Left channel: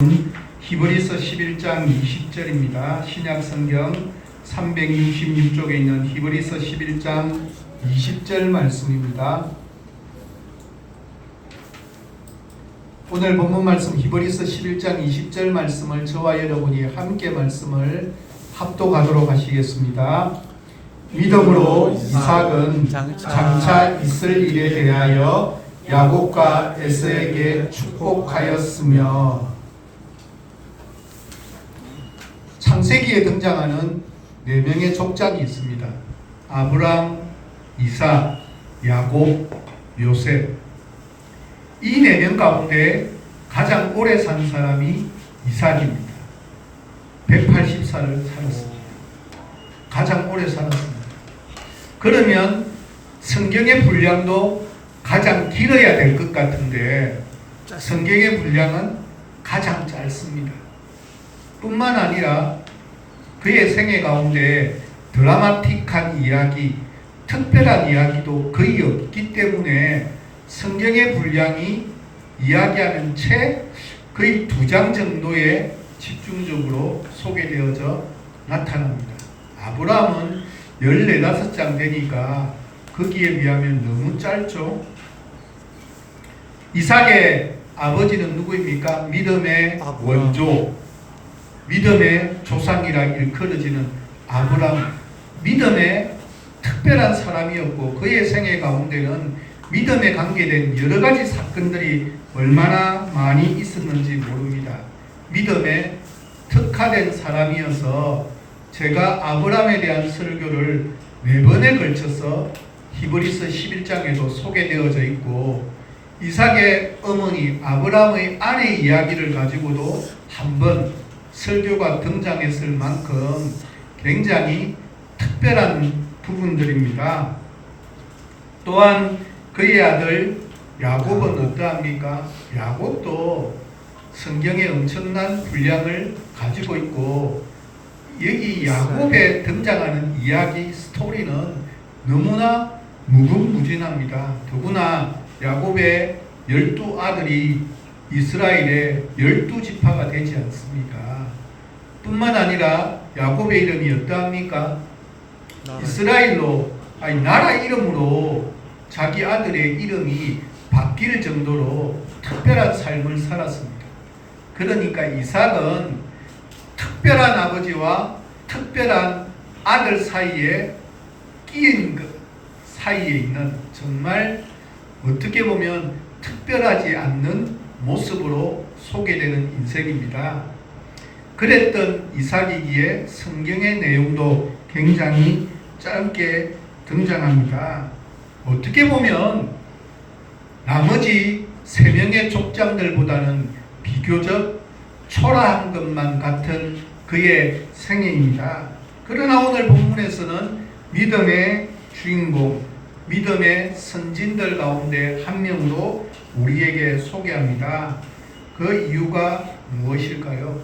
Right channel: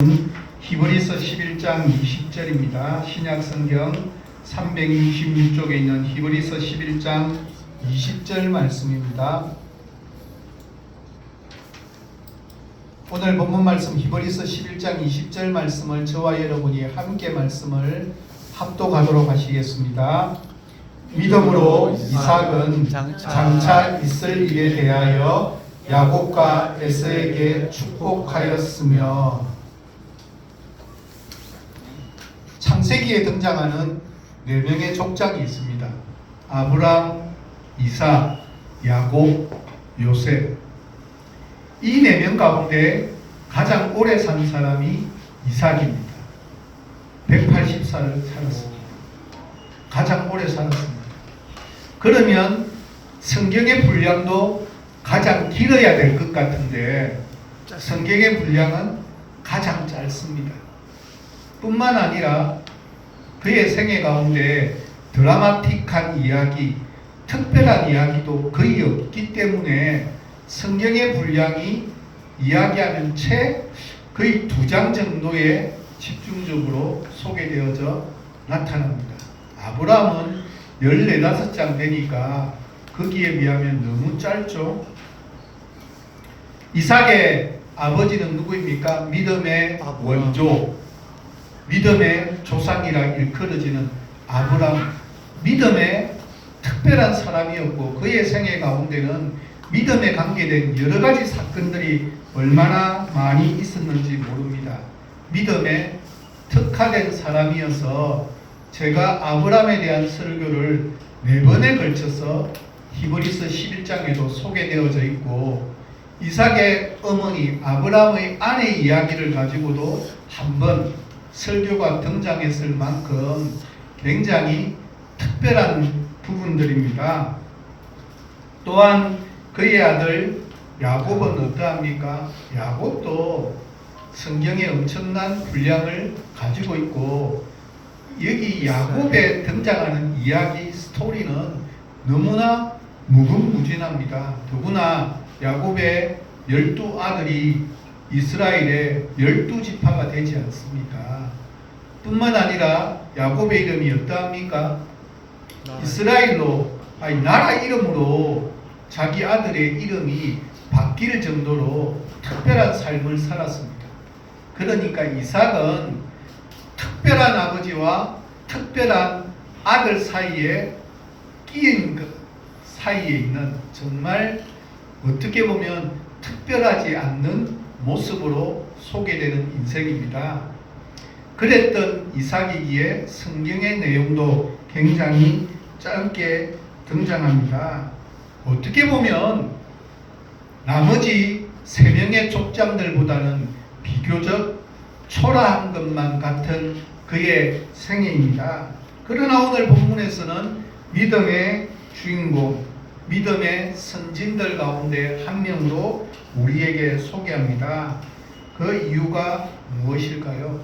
히브리서 11장 20절입니다. 신약성경 366쪽에 있는 히브리서 11장 20절 말씀입니다. 오늘 본문 말씀 히브리서 11장 20절 말씀을 저와 여러분이 함께 말씀을 합독하도록 하시겠습니다. 믿음으로 이삭은 장차 있을 일에 대하여 야곱과 에서에게 축복하였으며. 창세기에 등장하는 4명의 족장이 있습니다. 아브람, 이삭, 야곱, 요셉. 이 4명 가운데 가장 오래 산 사람이 이삭입니다. 180살을 살았습니다. 가장 오래 살았습니다. 그러면 성경의 분량도 가장 길어야 될 것 같은데 성경의 분량은 가장 짧습니다. 뿐만 아니라 그의 생애 가운데 드라마틱한 이야기, 특별한 이야기도 거의 없기 때문에 성경의 분량이 이야기하는 책 거의 2장 정도에 집중적으로 소개되어져 나타납니다. 아브라함은 14, 15장 되니까 거기에 비하면 너무 짧죠. 이삭의 아버지는 누구입니까? 믿음의 원조, 믿음의 조상이라 일컬어지는 아브라함. 믿음의 특별한 사람이었고 그의 생애 가운데는 믿음에 관계된 여러 가지 사건들이 얼마나 많이 있었는지 모릅니다. 믿음에 특화된 사람이어서 제가 아브라함에 대한 설교를 4번에 걸쳐서 히브리서 11장에도 소개되어져 있고 이삭의 어머니 아브라함의 아내 이야기를 가지고도 한번 설교가 등장했을 만큼 굉장히 특별한 부분들입니다. 또한 그의 아들 야곱은 어떠합니까? 야곱도 성경에 엄청난 분량을 가지고 있고 여기 야곱에 등장하는 이야기 스토리는 너무나 무궁무진합니다. 더구나 야곱의 12아들이 이스라엘의 12지파가 되지 않습니까? 뿐만 아니라 야곱의 이름이 어떠합니까? 이스라엘로 나라 이름으로 자기 아들의 이름이 바뀔 정도로 특별한 삶을 살았습니다. 그러니까 이삭은 특별한 아버지와 특별한 아들 사이에 끼인 것 사이에 있는 정말 어떻게 보면 특별하지 않는 모습으로 소개되는 인생입니다. 그랬던 이삭이기에 성경의 내용도 굉장히 짧게 등장합니다. 어떻게 보면 나머지 3명의 족장들보다는 비교적 초라한 것만 같은 그의 생애입니다. 그러나 오늘 본문에서는 믿음의 주인공, 믿음의 선진들 가운데 한 명도 우리에게 소개합니다. 그 이유가 무엇일까요?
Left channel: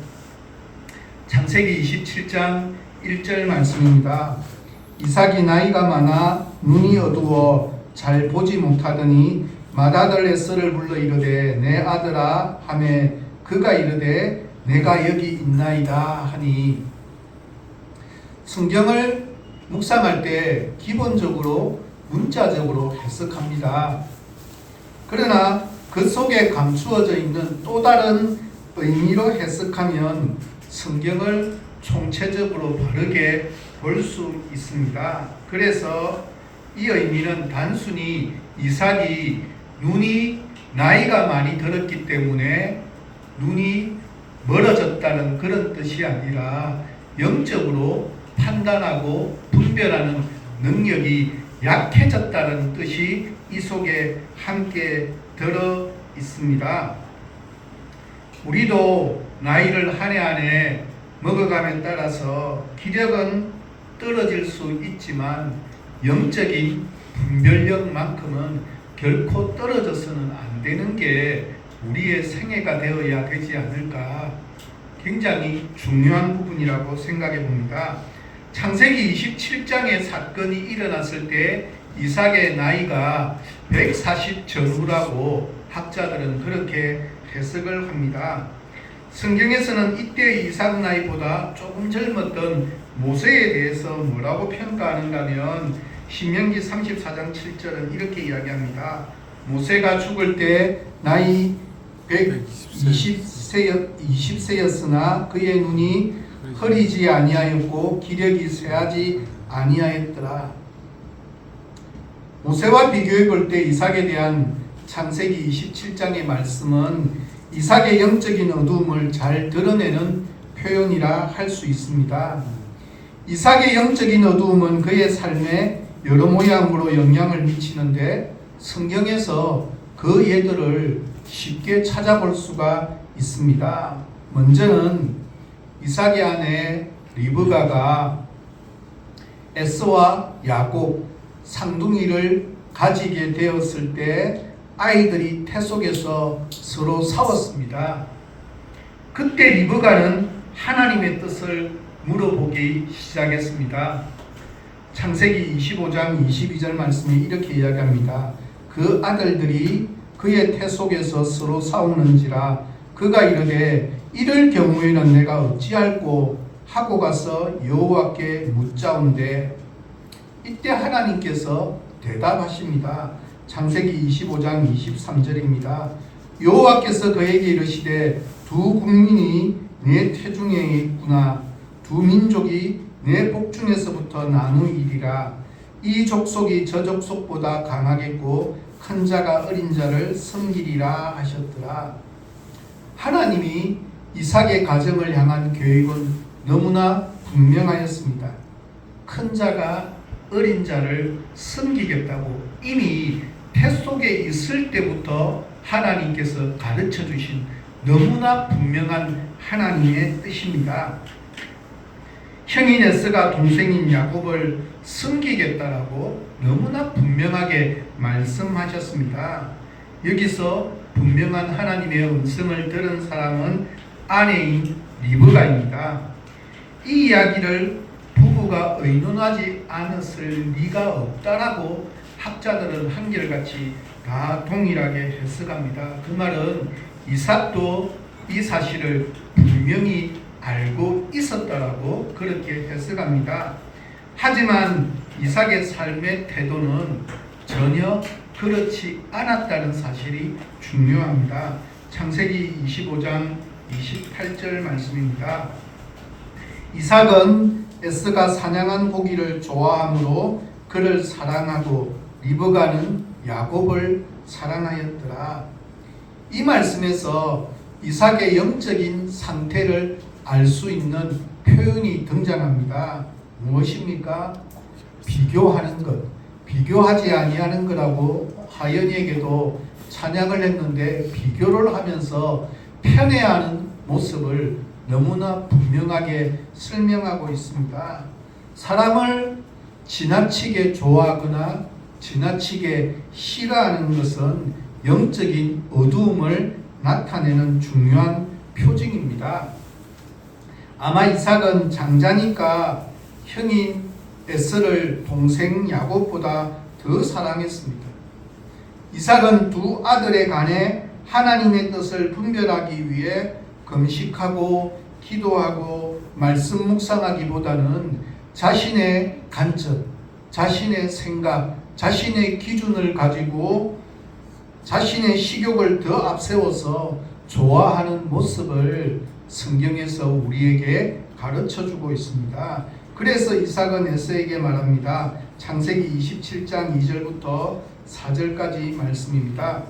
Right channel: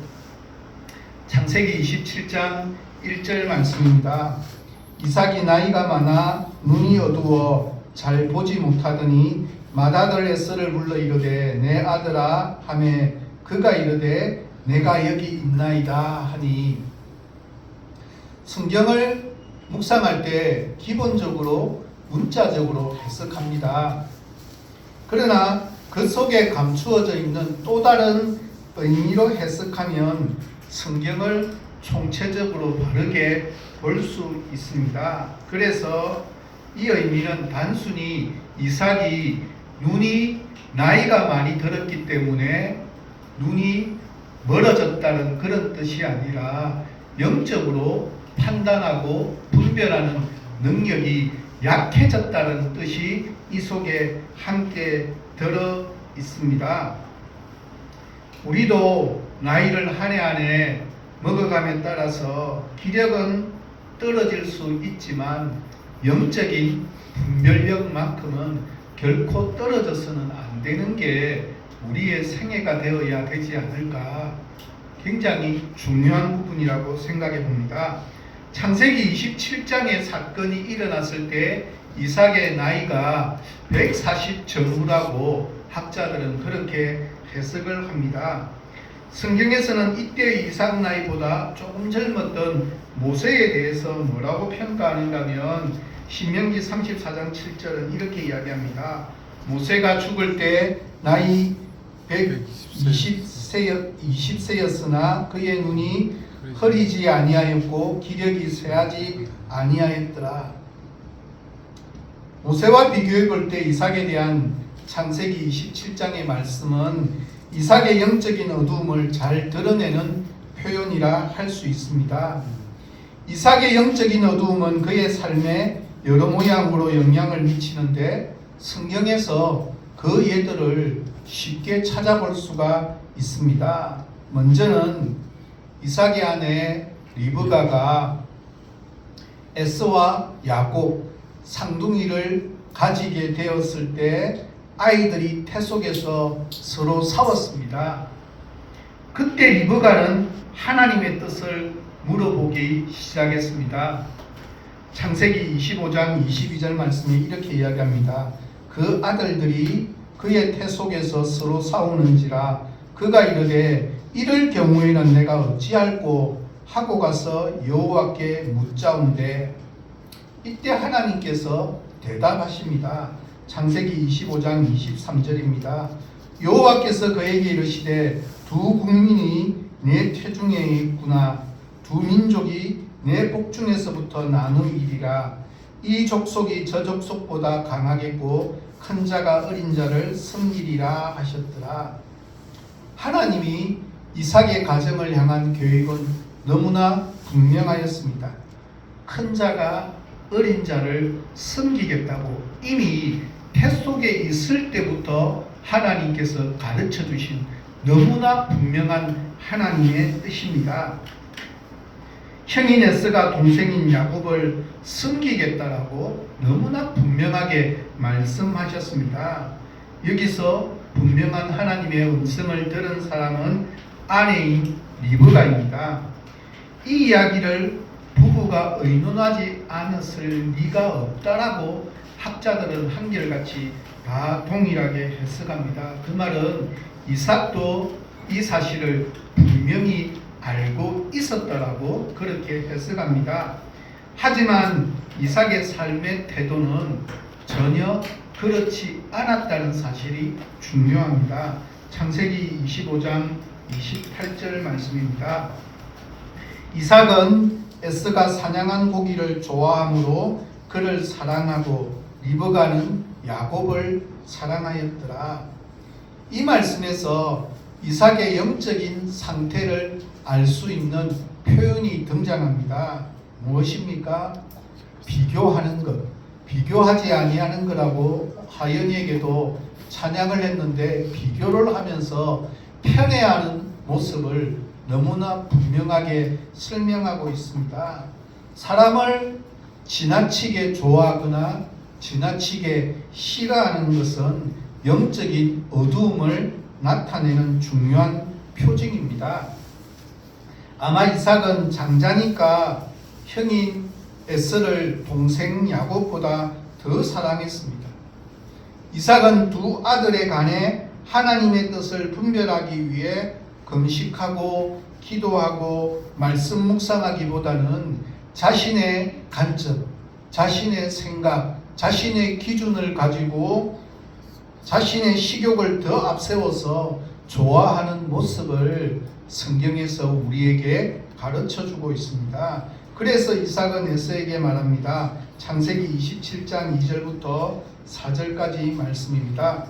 창세기 27장 1절 말씀입니다. 이삭이 나이가 많아 눈이 어두워 잘 보지 못하더니 맏아들 에서를 불러 이르되 내 아들아 하매 그가 이르되 내가 여기 있나이다 하니. 성경을 묵상할 때 기본적으로 문자적으로 해석합니다. 그러나 그 속에 감추어져 있는 또 다른 의미로 해석하면 성경을 총체적으로 바르게 볼 수 있습니다. 그래서 이 의미는 단순히 이삭이 눈이 나이가 많이 들었기 때문에 눈이 멀어졌다는 그런 뜻이 아니라 영적으로 판단하고 분별하는 능력이 약해졌다는 뜻이 이 속에 함께 들어 있습니다. 우리도 나이를 한 해 한 해 먹어감에 따라서 기력은 떨어질 수 있지만 영적인 분별력만큼은 결코 떨어져서는 안 되는 게 우리의 생애가 되어야 되지 않을까, 굉장히 중요한 부분이라고 생각해 봅니다. 창세기 27장의 사건이 일어났을 때 이삭의 나이가 140 전후라고 학자들은 그렇게 해석을 합니다. 성경에서는 이때의 이삭 나이보다 조금 젊었던 모세에 대해서 뭐라고 평가하는가 하면 신명기 34장 7절은 이렇게 이야기합니다. 모세가 죽을 때 나이 120세였으나 그의 눈이 흐리지 아니하였고 기력이 쇠하지 아니하였더라. 모세와 비교해 볼 때 이삭에 대한 창세기 27장의 말씀은 이삭의 영적인 어두움을 잘 드러내는 표현이라 할 수 있습니다. 이삭의 영적인 어두움은 그의 삶에 여러 모양으로 영향을 미치는데 성경에서 그 예들을 쉽게 찾아볼 수가 있습니다. 먼저는 이삭의 아내 리브가가 에서와 야곱 쌍둥이를 가지게 되었을 때 아이들이 태 속에서 서로 싸웠습니다. 그때 리브가는 하나님의 뜻을 물어보기 시작했습니다. 창세기 25장 22절 말씀이 이렇게 이야기합니다. 그 아들들이 그의 태 속에서 서로 싸우는지라 그가 이르되 이럴 경우에는 내가 어찌할꼬 하고 가서 여호와께 묻자온대. 이때 하나님께서 대답하십니다. 창세기 25장 23절입니다. 여호와께서 그에게 이르시되 두 국민이 내 태중에 있구나. 두 민족이 내 복중에서부터 나누이리라. 이 족속이 저 족속보다 강하겠고 큰 자가 어린 자를 섬기리라 하셨더라. 하나님이 이삭의 가정을 향한 계획은 너무나 분명하였습니다. 큰 자가 어린 자를 섬기겠다고 이미 태 속에 있을 때부터 하나님께서 가르쳐 주신 너무나 분명한 하나님의 뜻입니다. 형인 에서가 동생인 야곱을 섬기겠다라고 너무나 분명하게 말씀하셨습니다. 여기서 분명한 하나님의 음성을 들은 사람은 아내인 리브가입니다. 이 이야기를 부부가 의논하지 않았을 리가 없다라고 학자들은 한결같이 다 동일하게 해석합니다. 그 말은 이삭도 이 사실을 분명히 알고 있었다라고 그렇게 해석합니다. 하지만 이삭의 삶의 태도는 전혀 그렇지 않았다는 사실이 중요합니다. 창세기 25장 28절 말씀입니다. 이삭은 에스가 사냥한 고기를 좋아하므로 그를 사랑하고 리브가는 야곱을 사랑하였더라. 이 말씀에서 이삭의 영적인 상태를 알 수 있는 표현이 등장합니다. 무엇입니까? 비교하는 것. 비교하지 아니하는 거라고 하연이에게도 찬양을 했는데 비교를 하면서 편애하는 모습을 너무나 분명하게 설명하고 있습니다. 사람을 지나치게 좋아하거나 지나치게 싫어하는 것은 영적인 어두움을 나타내는 중요한 표징입니다. 아마 이삭은 장자니까 형인 에서를 동생 야곱보다 더 사랑했습니다. 이삭은 두 아들에 관해 하나님의 뜻을 분별하기 위해 금식하고 기도하고 말씀 묵상하기보다는 자신의 관점, 자신의 생각, 자신의 기준을 가지고 자신의 식욕을 더 앞세워서 좋아하는 모습을 성경에서 우리에게 가르쳐주고 있습니다. 그래서 이삭은 에서에게 말합니다. 창세기 27장 2절부터 4절까지 말씀입니다.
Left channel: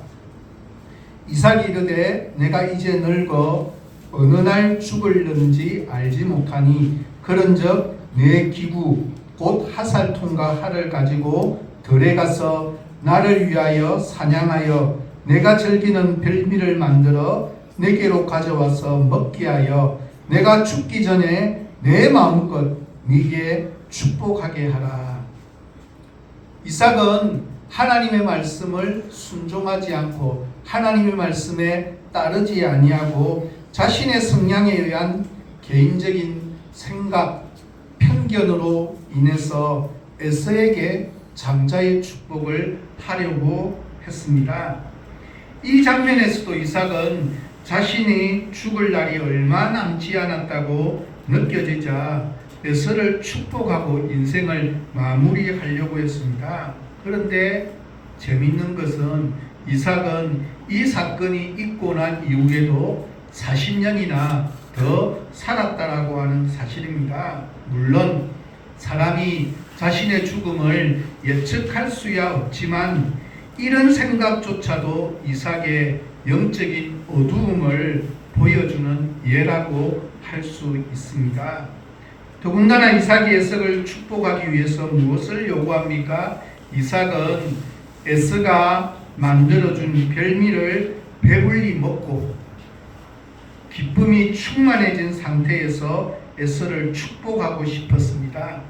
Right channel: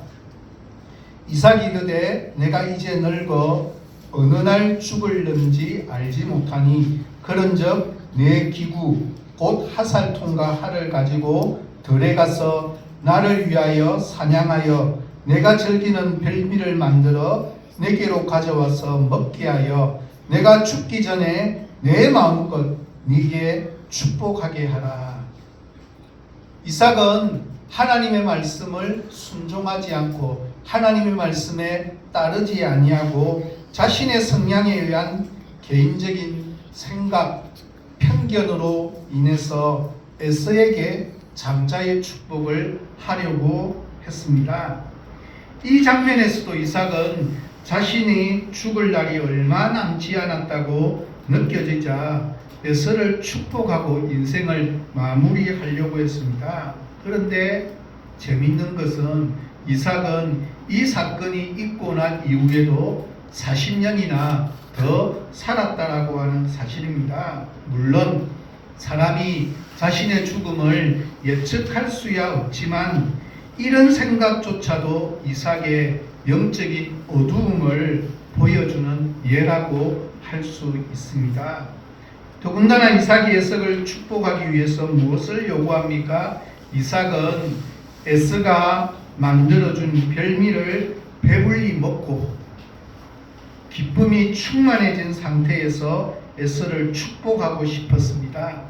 이삭이 이르되 내가 이제 늙어 어느 날 죽을는지 알지 못하니 그런즉 내 기구 곧 하살통과 활을 가지고 들에 가서 나를 위하여 사냥하여 내가 즐기는 별미를 만들어 내게로 가져와서 먹게 하여 내가 죽기 전에 내 마음껏 네게 축복하게 하라. 이삭은 하나님의 말씀을 순종하지 않고 하나님의 말씀에 따르지 아니하고 자신의 성향에 의한 개인적인 생각, 편견으로 인해서 에서에게 장자의 축복을 하려고 했습니다. 이 장면에서도 이삭은 자신이 죽을 날이 얼마 남지 않았다고 느껴지자 에서를 축복하고 인생을 마무리하려고 했습니다. 그런데 재미있는 것은 이삭은 이 사건이 있고 난 이후에도 40년이나 더 살았다라고 하는 사실입니다. 물론 사람이 자신의 죽음을 예측할 수야 없지만 이런 생각조차도 이삭의 영적인 어두움을 보여주는 예라고 할 수 있습니다. 더군다나 이삭이 에서를 축복하기 위해서 무엇을 요구합니까? 이삭은 에서가 만들어준 별미를 배불리 먹고 기쁨이 충만해진 상태에서 에서를 축복하고 싶었습니다.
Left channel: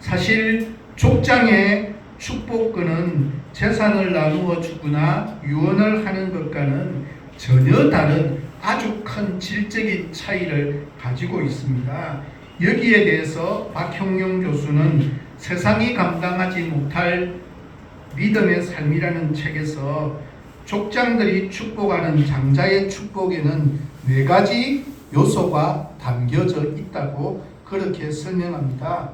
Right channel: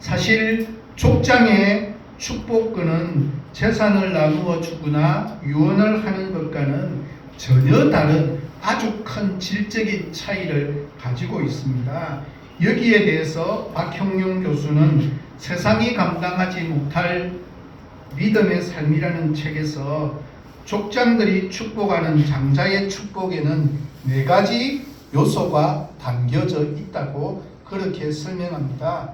사실 족장의 축복권은 재산을 나누어 주거나 유언을 하는 것과는 전혀 다른 아주 큰 질적인 차이를 가지고 있습니다. 여기에 대해서 박형용 교수는 세상이 감당하지 못할 믿음의 삶이라는 책에서 족장들이 축복하는 장자의 축복에는 4가지 요소가 담겨져 있다고 그렇게 설명합니다.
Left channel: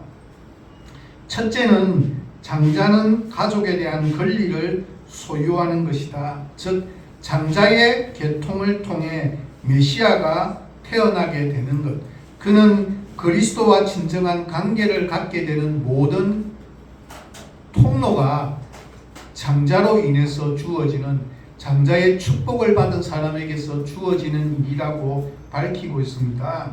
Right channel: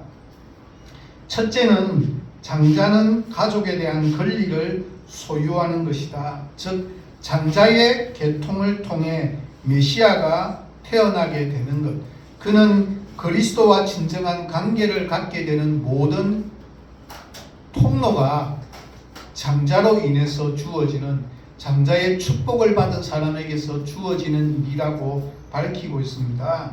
첫째는 장자는 가족에 대한 권리를 소유하는 것이다. 즉 장자의 계통을 통해 메시아가 태어나게 되는 것. 그는 그리스도와 진정한 관계를 갖게 되는 모든 통로가 장자로 인해서 주어지는 장자의 축복을 받은 사람에게서 주어지는 일이라고 밝히고 있습니다.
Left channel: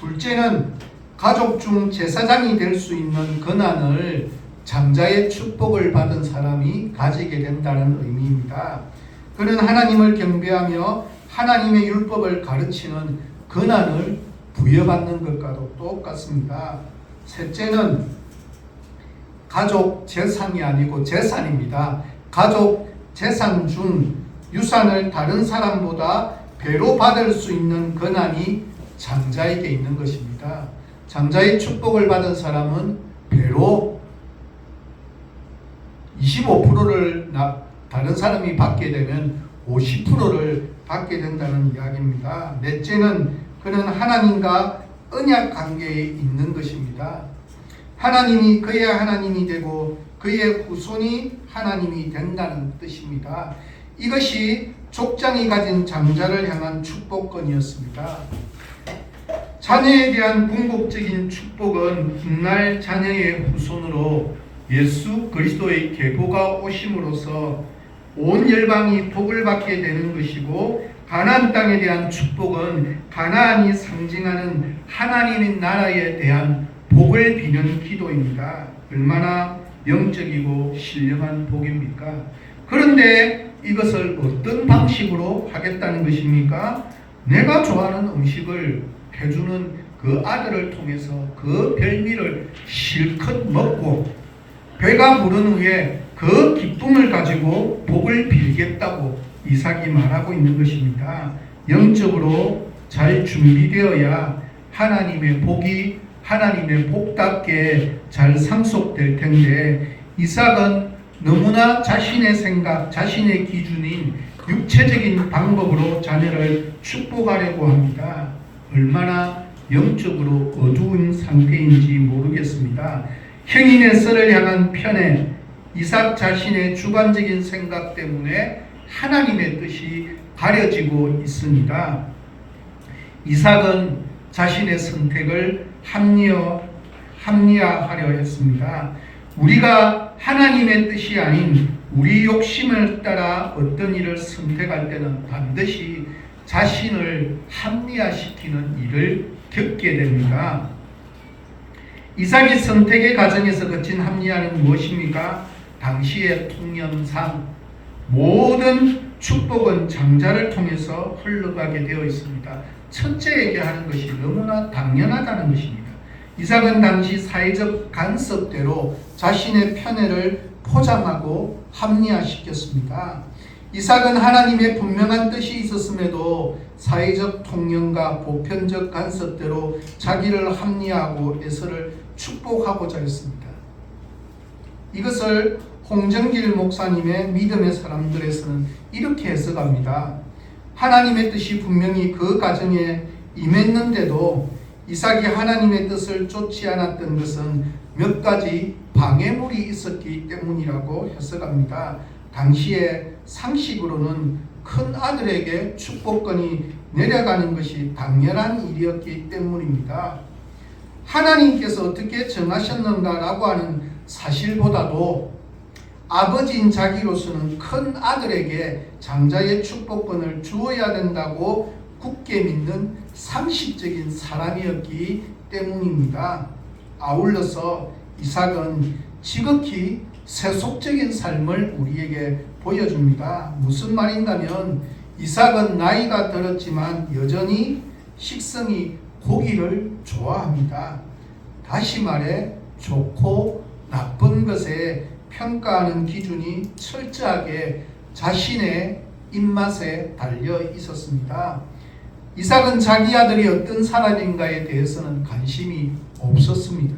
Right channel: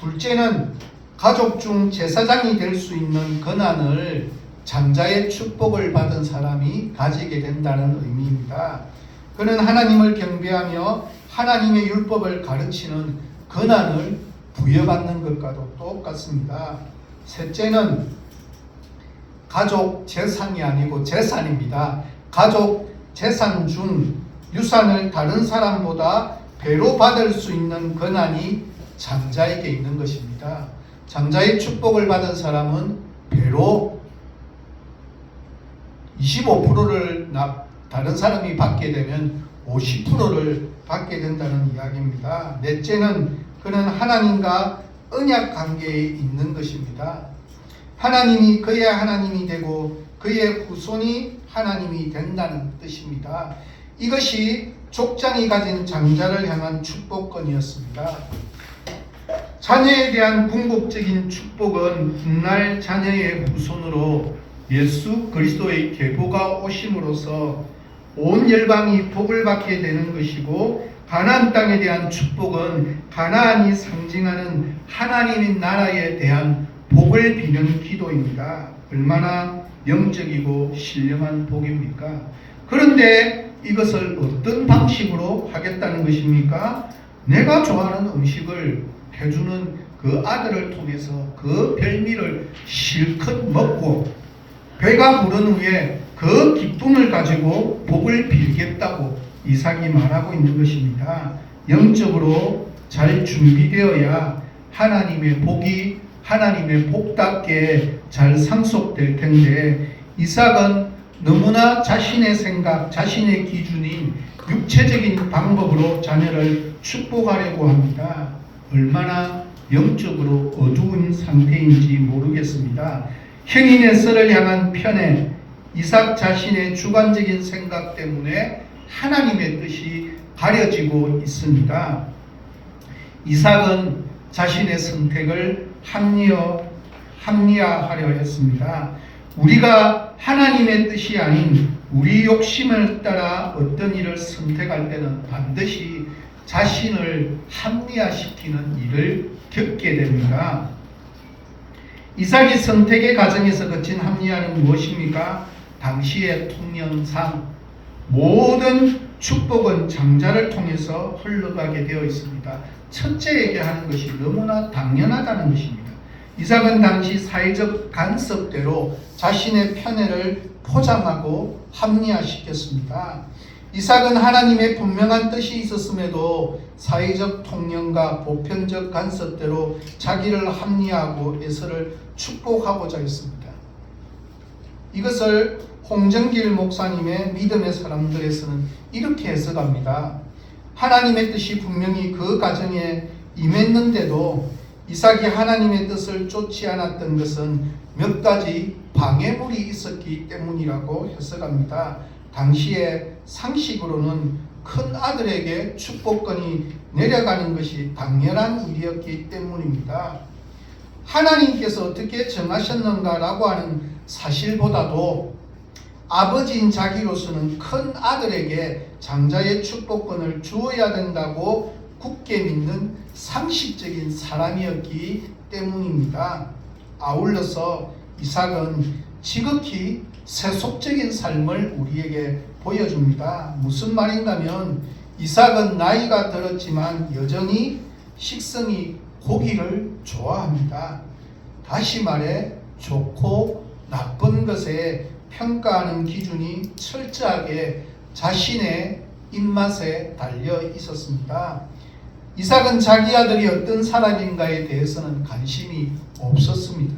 둘째는 가족 중 제사장이 될 수 있는 권한을 장자의 축복을 받은 사람이 가지게 된다는 의미입니다. 그는 하나님을 경배하며 하나님의 율법을 가르치는 권한을 부여받는 것과도 똑같습니다. 셋째는 가족 재산이 아니고 재산입니다. 가족 재산 중 유산을 다른 사람보다 배로 받을 수 있는 권한이 장자에게 있는 것입니다. 장자의 축복을 받은 사람은 배로 25%를 다른 사람이 받게 되면 50%를 받게 된다는 이야기입니다. 넷째는 그는 하나님과 언약 관계에 있는 것입니다. 하나님이 그의 하나님이 되고 그의 후손이 하나님이 된다는 뜻입니다. 이것이 족장이 가진 장자를 향한 축복권이었습니다. 자녀에 대한 궁극적인 축복은 훗날 자녀의 후손으로 예수 그리스도의 계보가 오심으로써 온 열방이 복을 받게 되는 것이고, 가나안 땅에 대한 축복은 가나안이 상징하는 하나님의 나라에 대한 복을 비는 기도입니다. 얼마나 영적이고 신령한 복입니까? 그런데 이것을 어떤 방식으로 하겠다는 것입니까? 내가 좋아하는 음식을 해주는 그 아들을 통해서 그 별미를 실컷 먹고 배가 부른 후에 그 기쁨을 가지고 복을 빌겠다고 이삭이 말하고 있는 것입니다. 영적으로 잘 준비되어야 하나님의 복이 하나님의 복답게 잘 상속될 텐데, 이삭은 너무나 자신의 생각, 자신의 기준인 육체적인 방법으로 자녀를 축복하려고 합니다. 얼마나 영적으로 어두운 상태인지 모르겠습니다. 형인 에서를 향한 편에 이삭 자신의 주관적인 생각 때문에 하나님의 뜻이 가려지고 있습니다. 이삭은 자신의 선택을 합리화하려 했습니다. 우리가 하나님의 뜻이 아닌 우리 욕심을 따라 어떤 일을 선택할 때는 반드시 자신을 합리화시키는 일을 겪게 됩니다. 이삭의 선택의 과정에서 거친 합리화는 무엇입니까? 당시의 통념상 모든 축복은 장자를 통해서 흘러가게 되어 있습니다. 첫째에게 하는 것이 너무나 당연하다는 것입니다. 이삭은 당시 사회적 간섭대로 자신의 편애를 포장하고 합리화시켰습니다. 이삭은 하나님의 분명한 뜻이 있었음에도 사회적 통념과 보편적 간섭대로 자기를 합리화하고 에서를 축복하고자 했습니다. 이것을 홍정길 목사님의 믿음의 사람들에서는 이렇게 해석합니다. 하나님의 뜻이 분명히 그 가정에 임했는데도 이삭이 하나님의 뜻을 쫓지 않았던 것은 몇 가지 방해물이 있었기 때문이라고 해석합니다. 당시에 상식으로는 큰 아들에게 축복권이 내려가는 것이 당연한 일이었기 때문입니다. 하나님께서 어떻게 정하셨는가라고 하는 사실보다도 아버지인 자기로서는 큰 아들에게 장자의 축복권을 주어야 된다고 굳게 믿는 상식적인 사람이었기 때문입니다. 아울러서 이삭은 지극히 세속적인 삶을 우리에게 보여줍니다. 무슨 말인가면 이삭은 나이가 들었지만 여전히 식성이 고기를 좋아합니다. 다시 말해 좋고 나쁜 것에 평가하는 기준이 철저하게 자신의 입맛에 달려 있었습니다. 이삭은 자기 아들이 어떤 사람인가에 대해서는 관심이 없었습니다.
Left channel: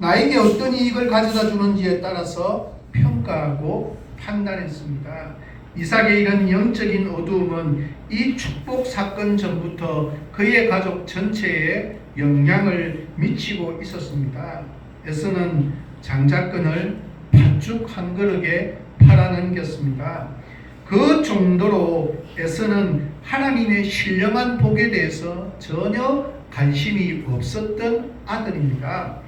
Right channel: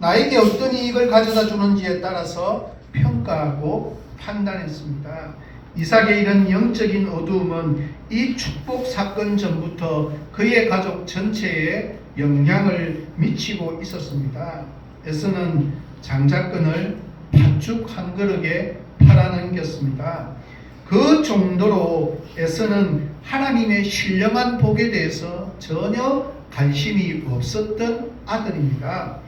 나에게 어떤 이익을 가져다 주는지에 따라서 평가하고 판단했습니다. 이삭의 이런 영적인 어두움은 이 축복 사건 전부터 그의 가족 전체에 영향을 미치고 있었습니다. 에서는 장자권을 팥죽 한 그릇에 팔아넘겼습니다. 그 정도로 에서는 하나님의 신령한 복에 대해서 전혀 관심이 없었던 아들입니다.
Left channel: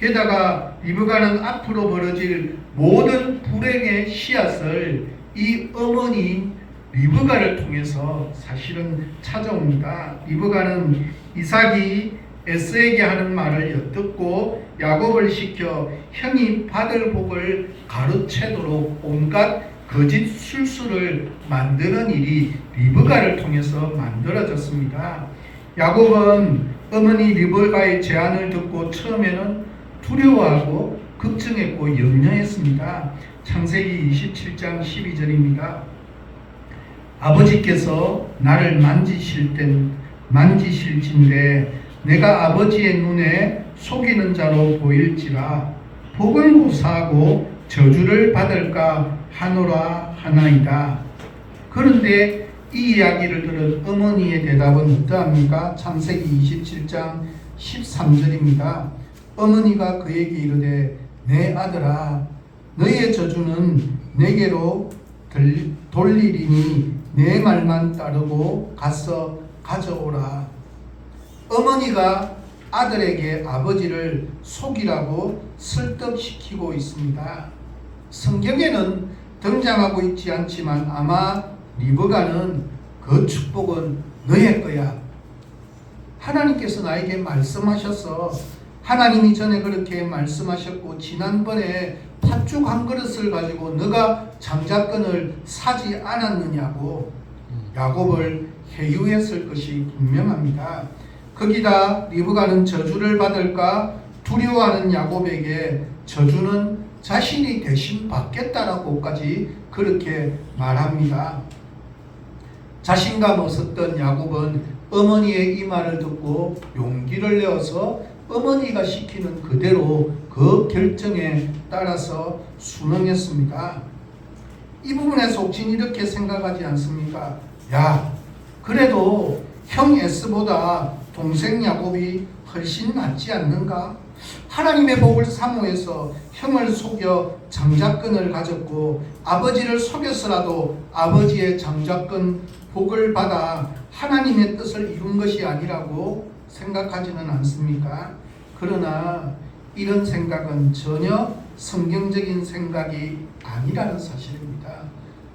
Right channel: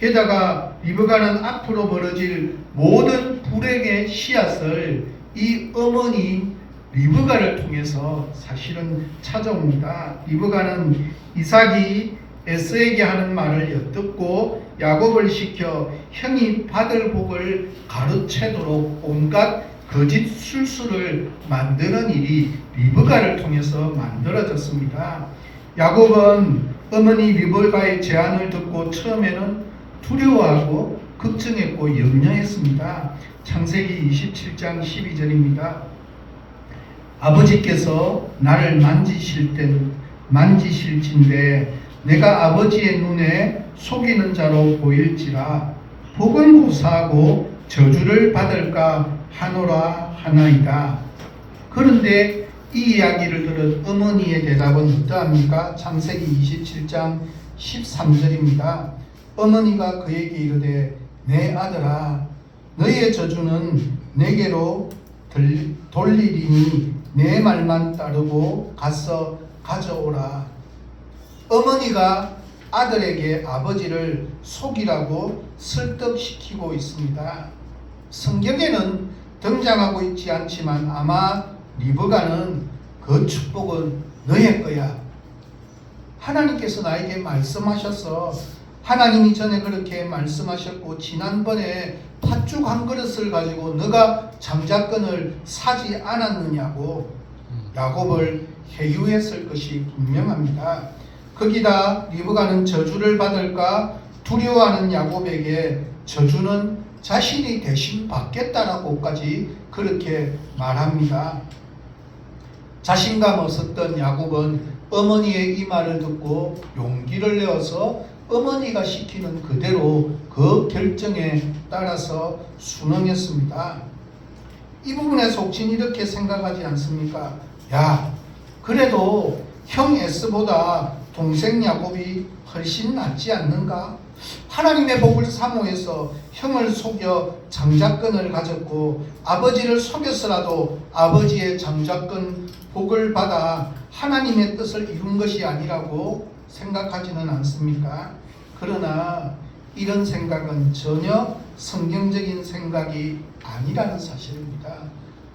게다가 리브가는 앞으로 벌어질 모든 불행의 씨앗을 이 어머니 리브가를 통해서 사실은 찾아옵니다. 리브가는 이삭이 에서에게 하는 말을 엿듣고 야곱을 시켜 형이 받을 복을 가로채도록 온갖 거짓 술수를 만드는 일이 리브가를 통해서 만들어졌습니다. 야곱은 어머니 리브가의 제안을 듣고 처음에는 두려워하고 걱정했고 염려했습니다. 창세기 27장 12절입니다. 아버지께서 나를 만지실진데 내가 아버지의 눈에 속이는 자로 보일지라 복을 구사하고 저주를 받을까 하노라 하나이다. 그런데 이 이야기를 들은 어머니의 대답은 어떠합니까? 창세기 27장 13절입니다. 어머니가 그에게 이르되 내 아들아 너의 저주는 내게로 돌리리니 내 말만 따르고 가서 가져오라. 어머니가 아들에게 아버지를 속이라고 설득시키고 있습니다. 성경에는 등장하고 있지 않지만 아마 리브가는 그 축복은 너의 거야. 하나님께서 나에게 말씀하셔서 하나님이 전에 그렇게 말씀하셨고 지난번에 팥죽 한 그릇을 가지고 너가 장자권을 사지 않았느냐고 야곱을 회유했을 것이 분명합니다. 거기다 리브가는 저주를 받을까 두려워하는 야곱에게 저주는 자신이 대신 받겠다라고까지 그렇게 말합니다. 자신감 없었던 야곱은 어머니의 이 말을 듣고 용기를 내어서 어머니가 시키는 그대로 그 결정에 따라서 순응했습니다. 이 부분에서 혹시 이렇게 생각하지 않습니까? 야, 그래도 형 에스보다 동생 야곱이 훨씬 낫지 않는가? 하나님의 복을 사모해서 형을 속여 장자권을 가졌고 아버지를 속였으라도 아버지의 장자권 복을 받아 하나님의 뜻을 이룬 것이 아니라고 생각하지는 않습니다. 그러나 이런 생각은 전혀 성경적인 생각이 아니라는 사실입니다.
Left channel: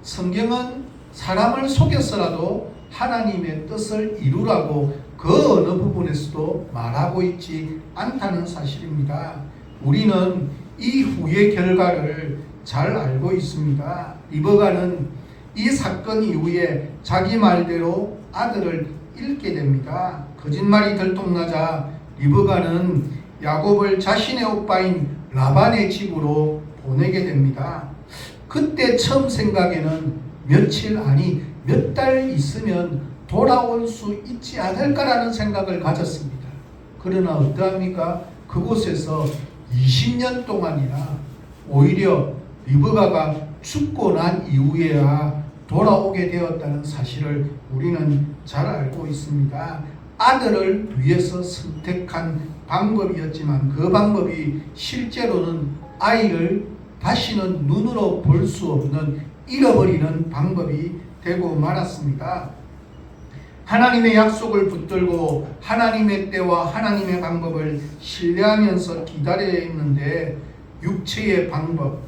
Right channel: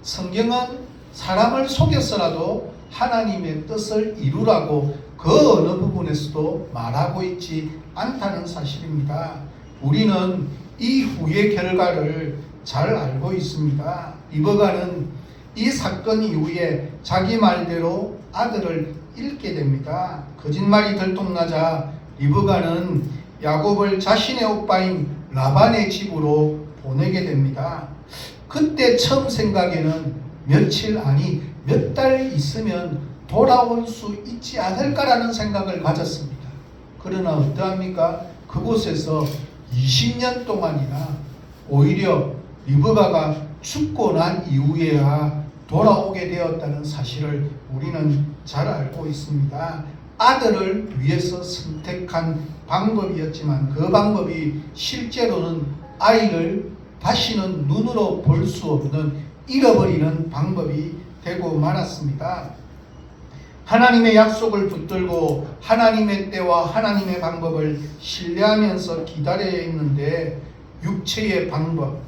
성경은 사람을 속였으라도 하나님의 뜻을 이루라고 그 어느 부분에서도 말하고 있지 않다는 사실입니다. 우리는 이 후의 결과를 잘 알고 있습니다. 리브가는 이 사건 이후에 자기 말대로 아들을 잃게 됩니다. 거짓말이 들통나자 리브가는 야곱을 자신의 오빠인 라반의 집으로 보내게 됩니다. 그때 처음 생각에는 며칠 아니 몇 달 있으면 돌아올 수 있지 않을까라는 생각을 가졌습니다. 그러나 어떠합니까? 그곳에서 20년 동안이나 오히려 리브가가 죽고 난 이후에야 돌아오게 되었다는 사실을 우리는 잘 알고 있습니다. 아들을 위해서 선택한 방법이었지만 그 방법이 실제로는 아이를 다시는 눈으로 볼 수 없는 잃어버리는 방법이 되고 말았습니다. 하나님의 약속을 붙들고 하나님의 때와 하나님의 방법을 신뢰하면서 기다려야 했는데 육체의 방법,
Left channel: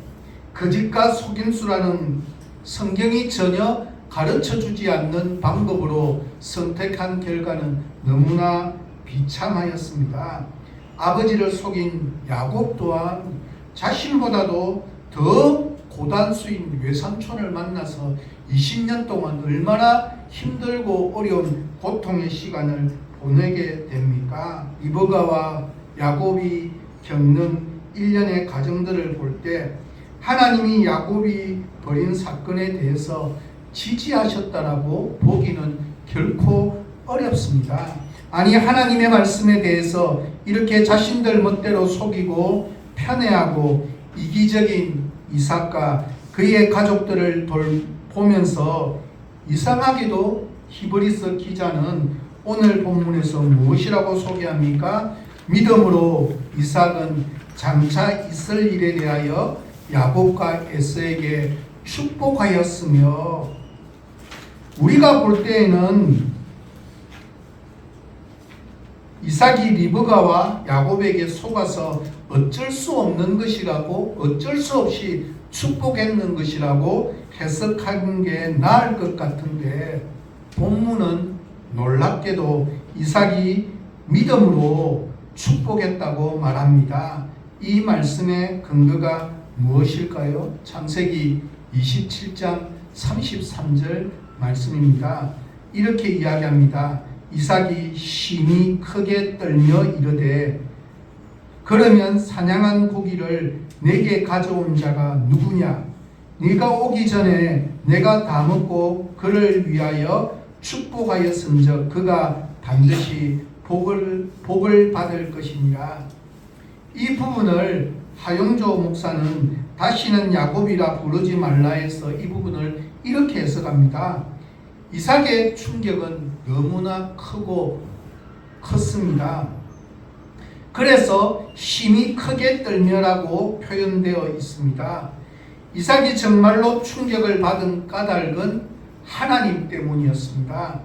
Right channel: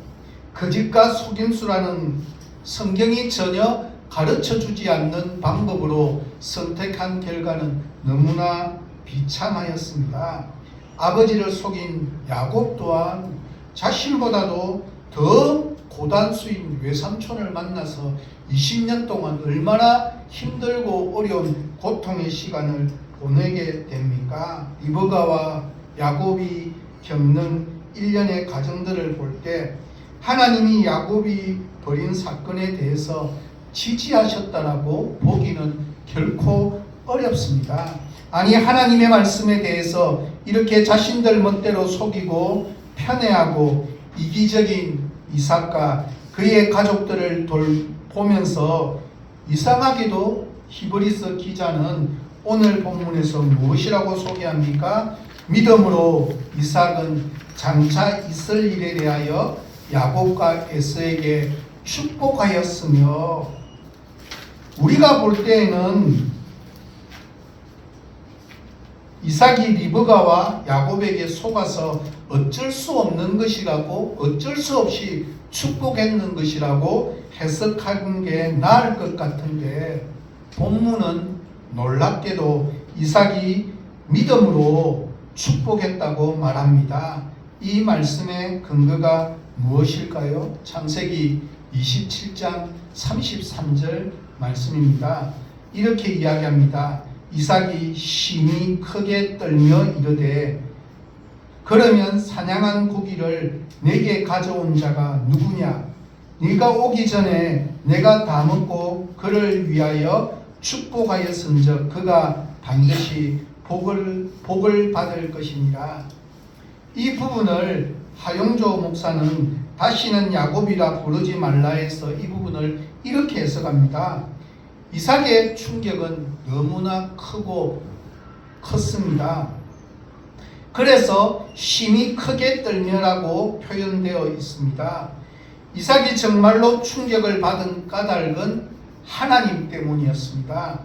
거짓과 속임수라는 성경이 전혀 가르쳐주지 않는 방법으로 선택한 결과는 너무나 비참하였습니다. 아버지를 속인 야곱 또한 자신보다도 더 고단수인 외삼촌을 만나서 20년 동안 얼마나 힘들고 어려운 고통의 시간을 보내게 됩니까? 리브가와 야곱이 겪는 일련의 과정들을 볼 때 하나님이 야곱이 벌인 사건에 대해서 지지하셨다라고 보기는 결코 어렵습니다. 아니, 하나님의 말씀에 대해서 이렇게 자신들 멋대로 속이고 편애하고 이기적인 이삭과 그의 가족들을 돌보면서 이상하게도 히브리서 기자는 오늘 본문에서 무엇이라고 소개합니까? 믿음으로 이삭은 장차 있을 일에 대하여 야곱과 에서에게 축복하였으며, 우리가 볼 때에는 이삭이 리브가와 야곱에게 속아서 어쩔 수 없는 것이라고, 어쩔 수 없이 축복했는 것이라고 해석하는 게 나을 것 같은데, 본문은 놀랍게도 이삭이 믿음으로 축복했다고 말합니다. 이 말씀의 근거가 무엇일까요? 창세기 27장 33절 말씀입니다. 이렇게 이야기합니다. 이삭이 심히 크게 떨며 이르되 그러면 사냥한 고기를 내게 가져온 자가 누구냐? 네가 오기 전에 내가 다 먹고 그를 위하여 축복하였은즉 그가 반드시 복을 받을 것이니라. 이 부분을 하용조 목사는 다시는 야곱이라 부르지 말라 해서 이 부분을 이렇게 해석합니다. 이삭의 충격은 너무나 크고 컸습니다. 그래서 심히 크게 떨며라고 표현되어 있습니다. 이삭이 정말로 충격을 받은 까닭은 하나님 때문이었습니다.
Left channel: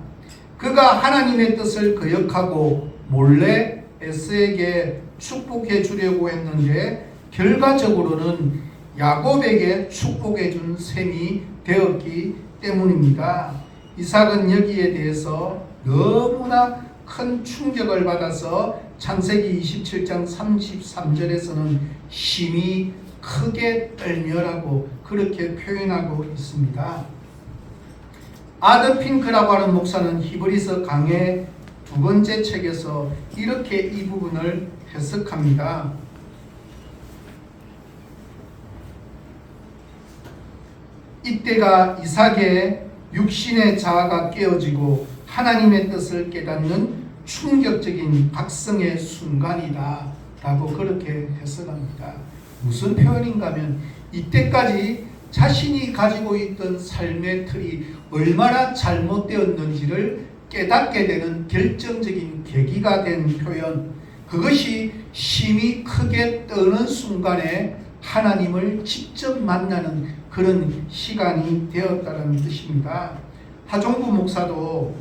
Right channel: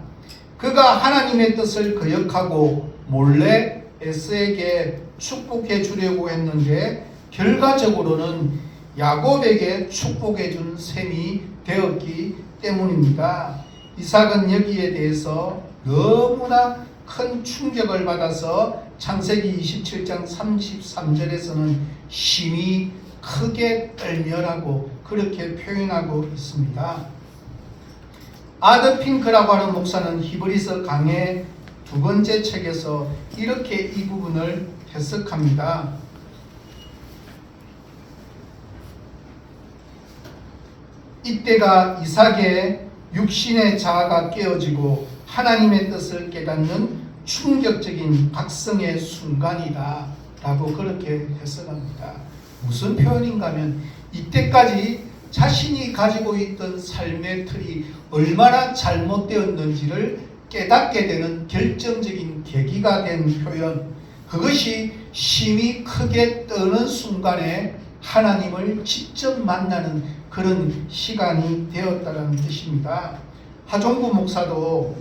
그가 하나님의 뜻을 거역하고 몰래 에서에게 축복해 주려고 했는데 결과적으로는 야곱에게 축복해 준 셈이 되었기 때문입니다. 이삭은 여기에 대해서 너무나 큰 충격을 받아서 창세기 27장 33절에서는 심히 크게 떨며라고 그렇게 표현하고 있습니다. 아드 핑크라고 하는 목사는 히브리서 강의 두 번째 책에서 이렇게 이 부분을 해석합니다. 이때가 이삭의 육신의 자아가 깨어지고 하나님의 뜻을 깨닫는 충격적인 각성의 순간이다 라고 그렇게 해석합니다. 무슨 표현인가 하면 이때까지 자신이 가지고 있던 삶의 틀이 얼마나 잘못되었는지를 깨닫게 되는 결정적인 계기가 된 표현, 그것이 심히 크게 떠는 순간에 하나님을 직접 만나는 그런 시간이 되었다는 뜻입니다. 하종구 목사도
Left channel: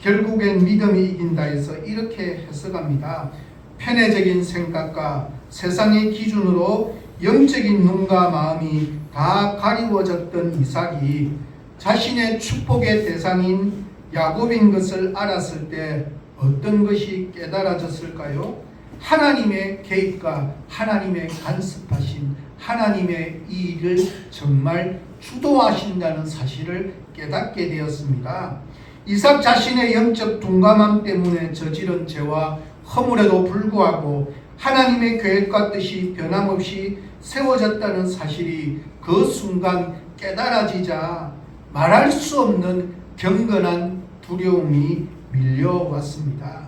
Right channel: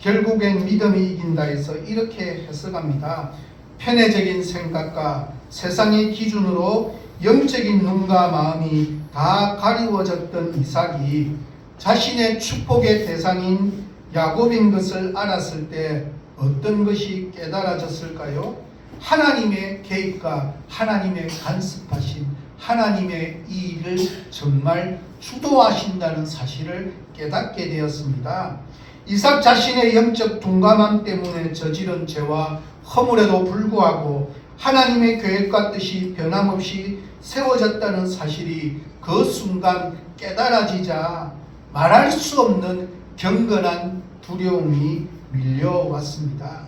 결국엔 믿음이 이긴다 해서 이렇게 해석합니다. 편애적인 생각과 세상의 기준으로 영적인 눈과 마음이 다 가리워졌던 이삭이 자신의 축복의 대상인 야곱인 것을 알았을 때 어떤 것이 깨달아졌을까요? 하나님의 계획과 하나님의 간섭하신 하나님의 이 일을 정말 주도하신다는 사실을 깨닫게 되었습니다. 이삭 자신의 영적 둔감함 때문에 저지른 죄와 허물에도 불구하고 하나님의 계획과 뜻이 변함없이 세워졌다는 사실이 그 순간 깨달아지자 말할 수 없는 경건한 두려움이 밀려왔습니다.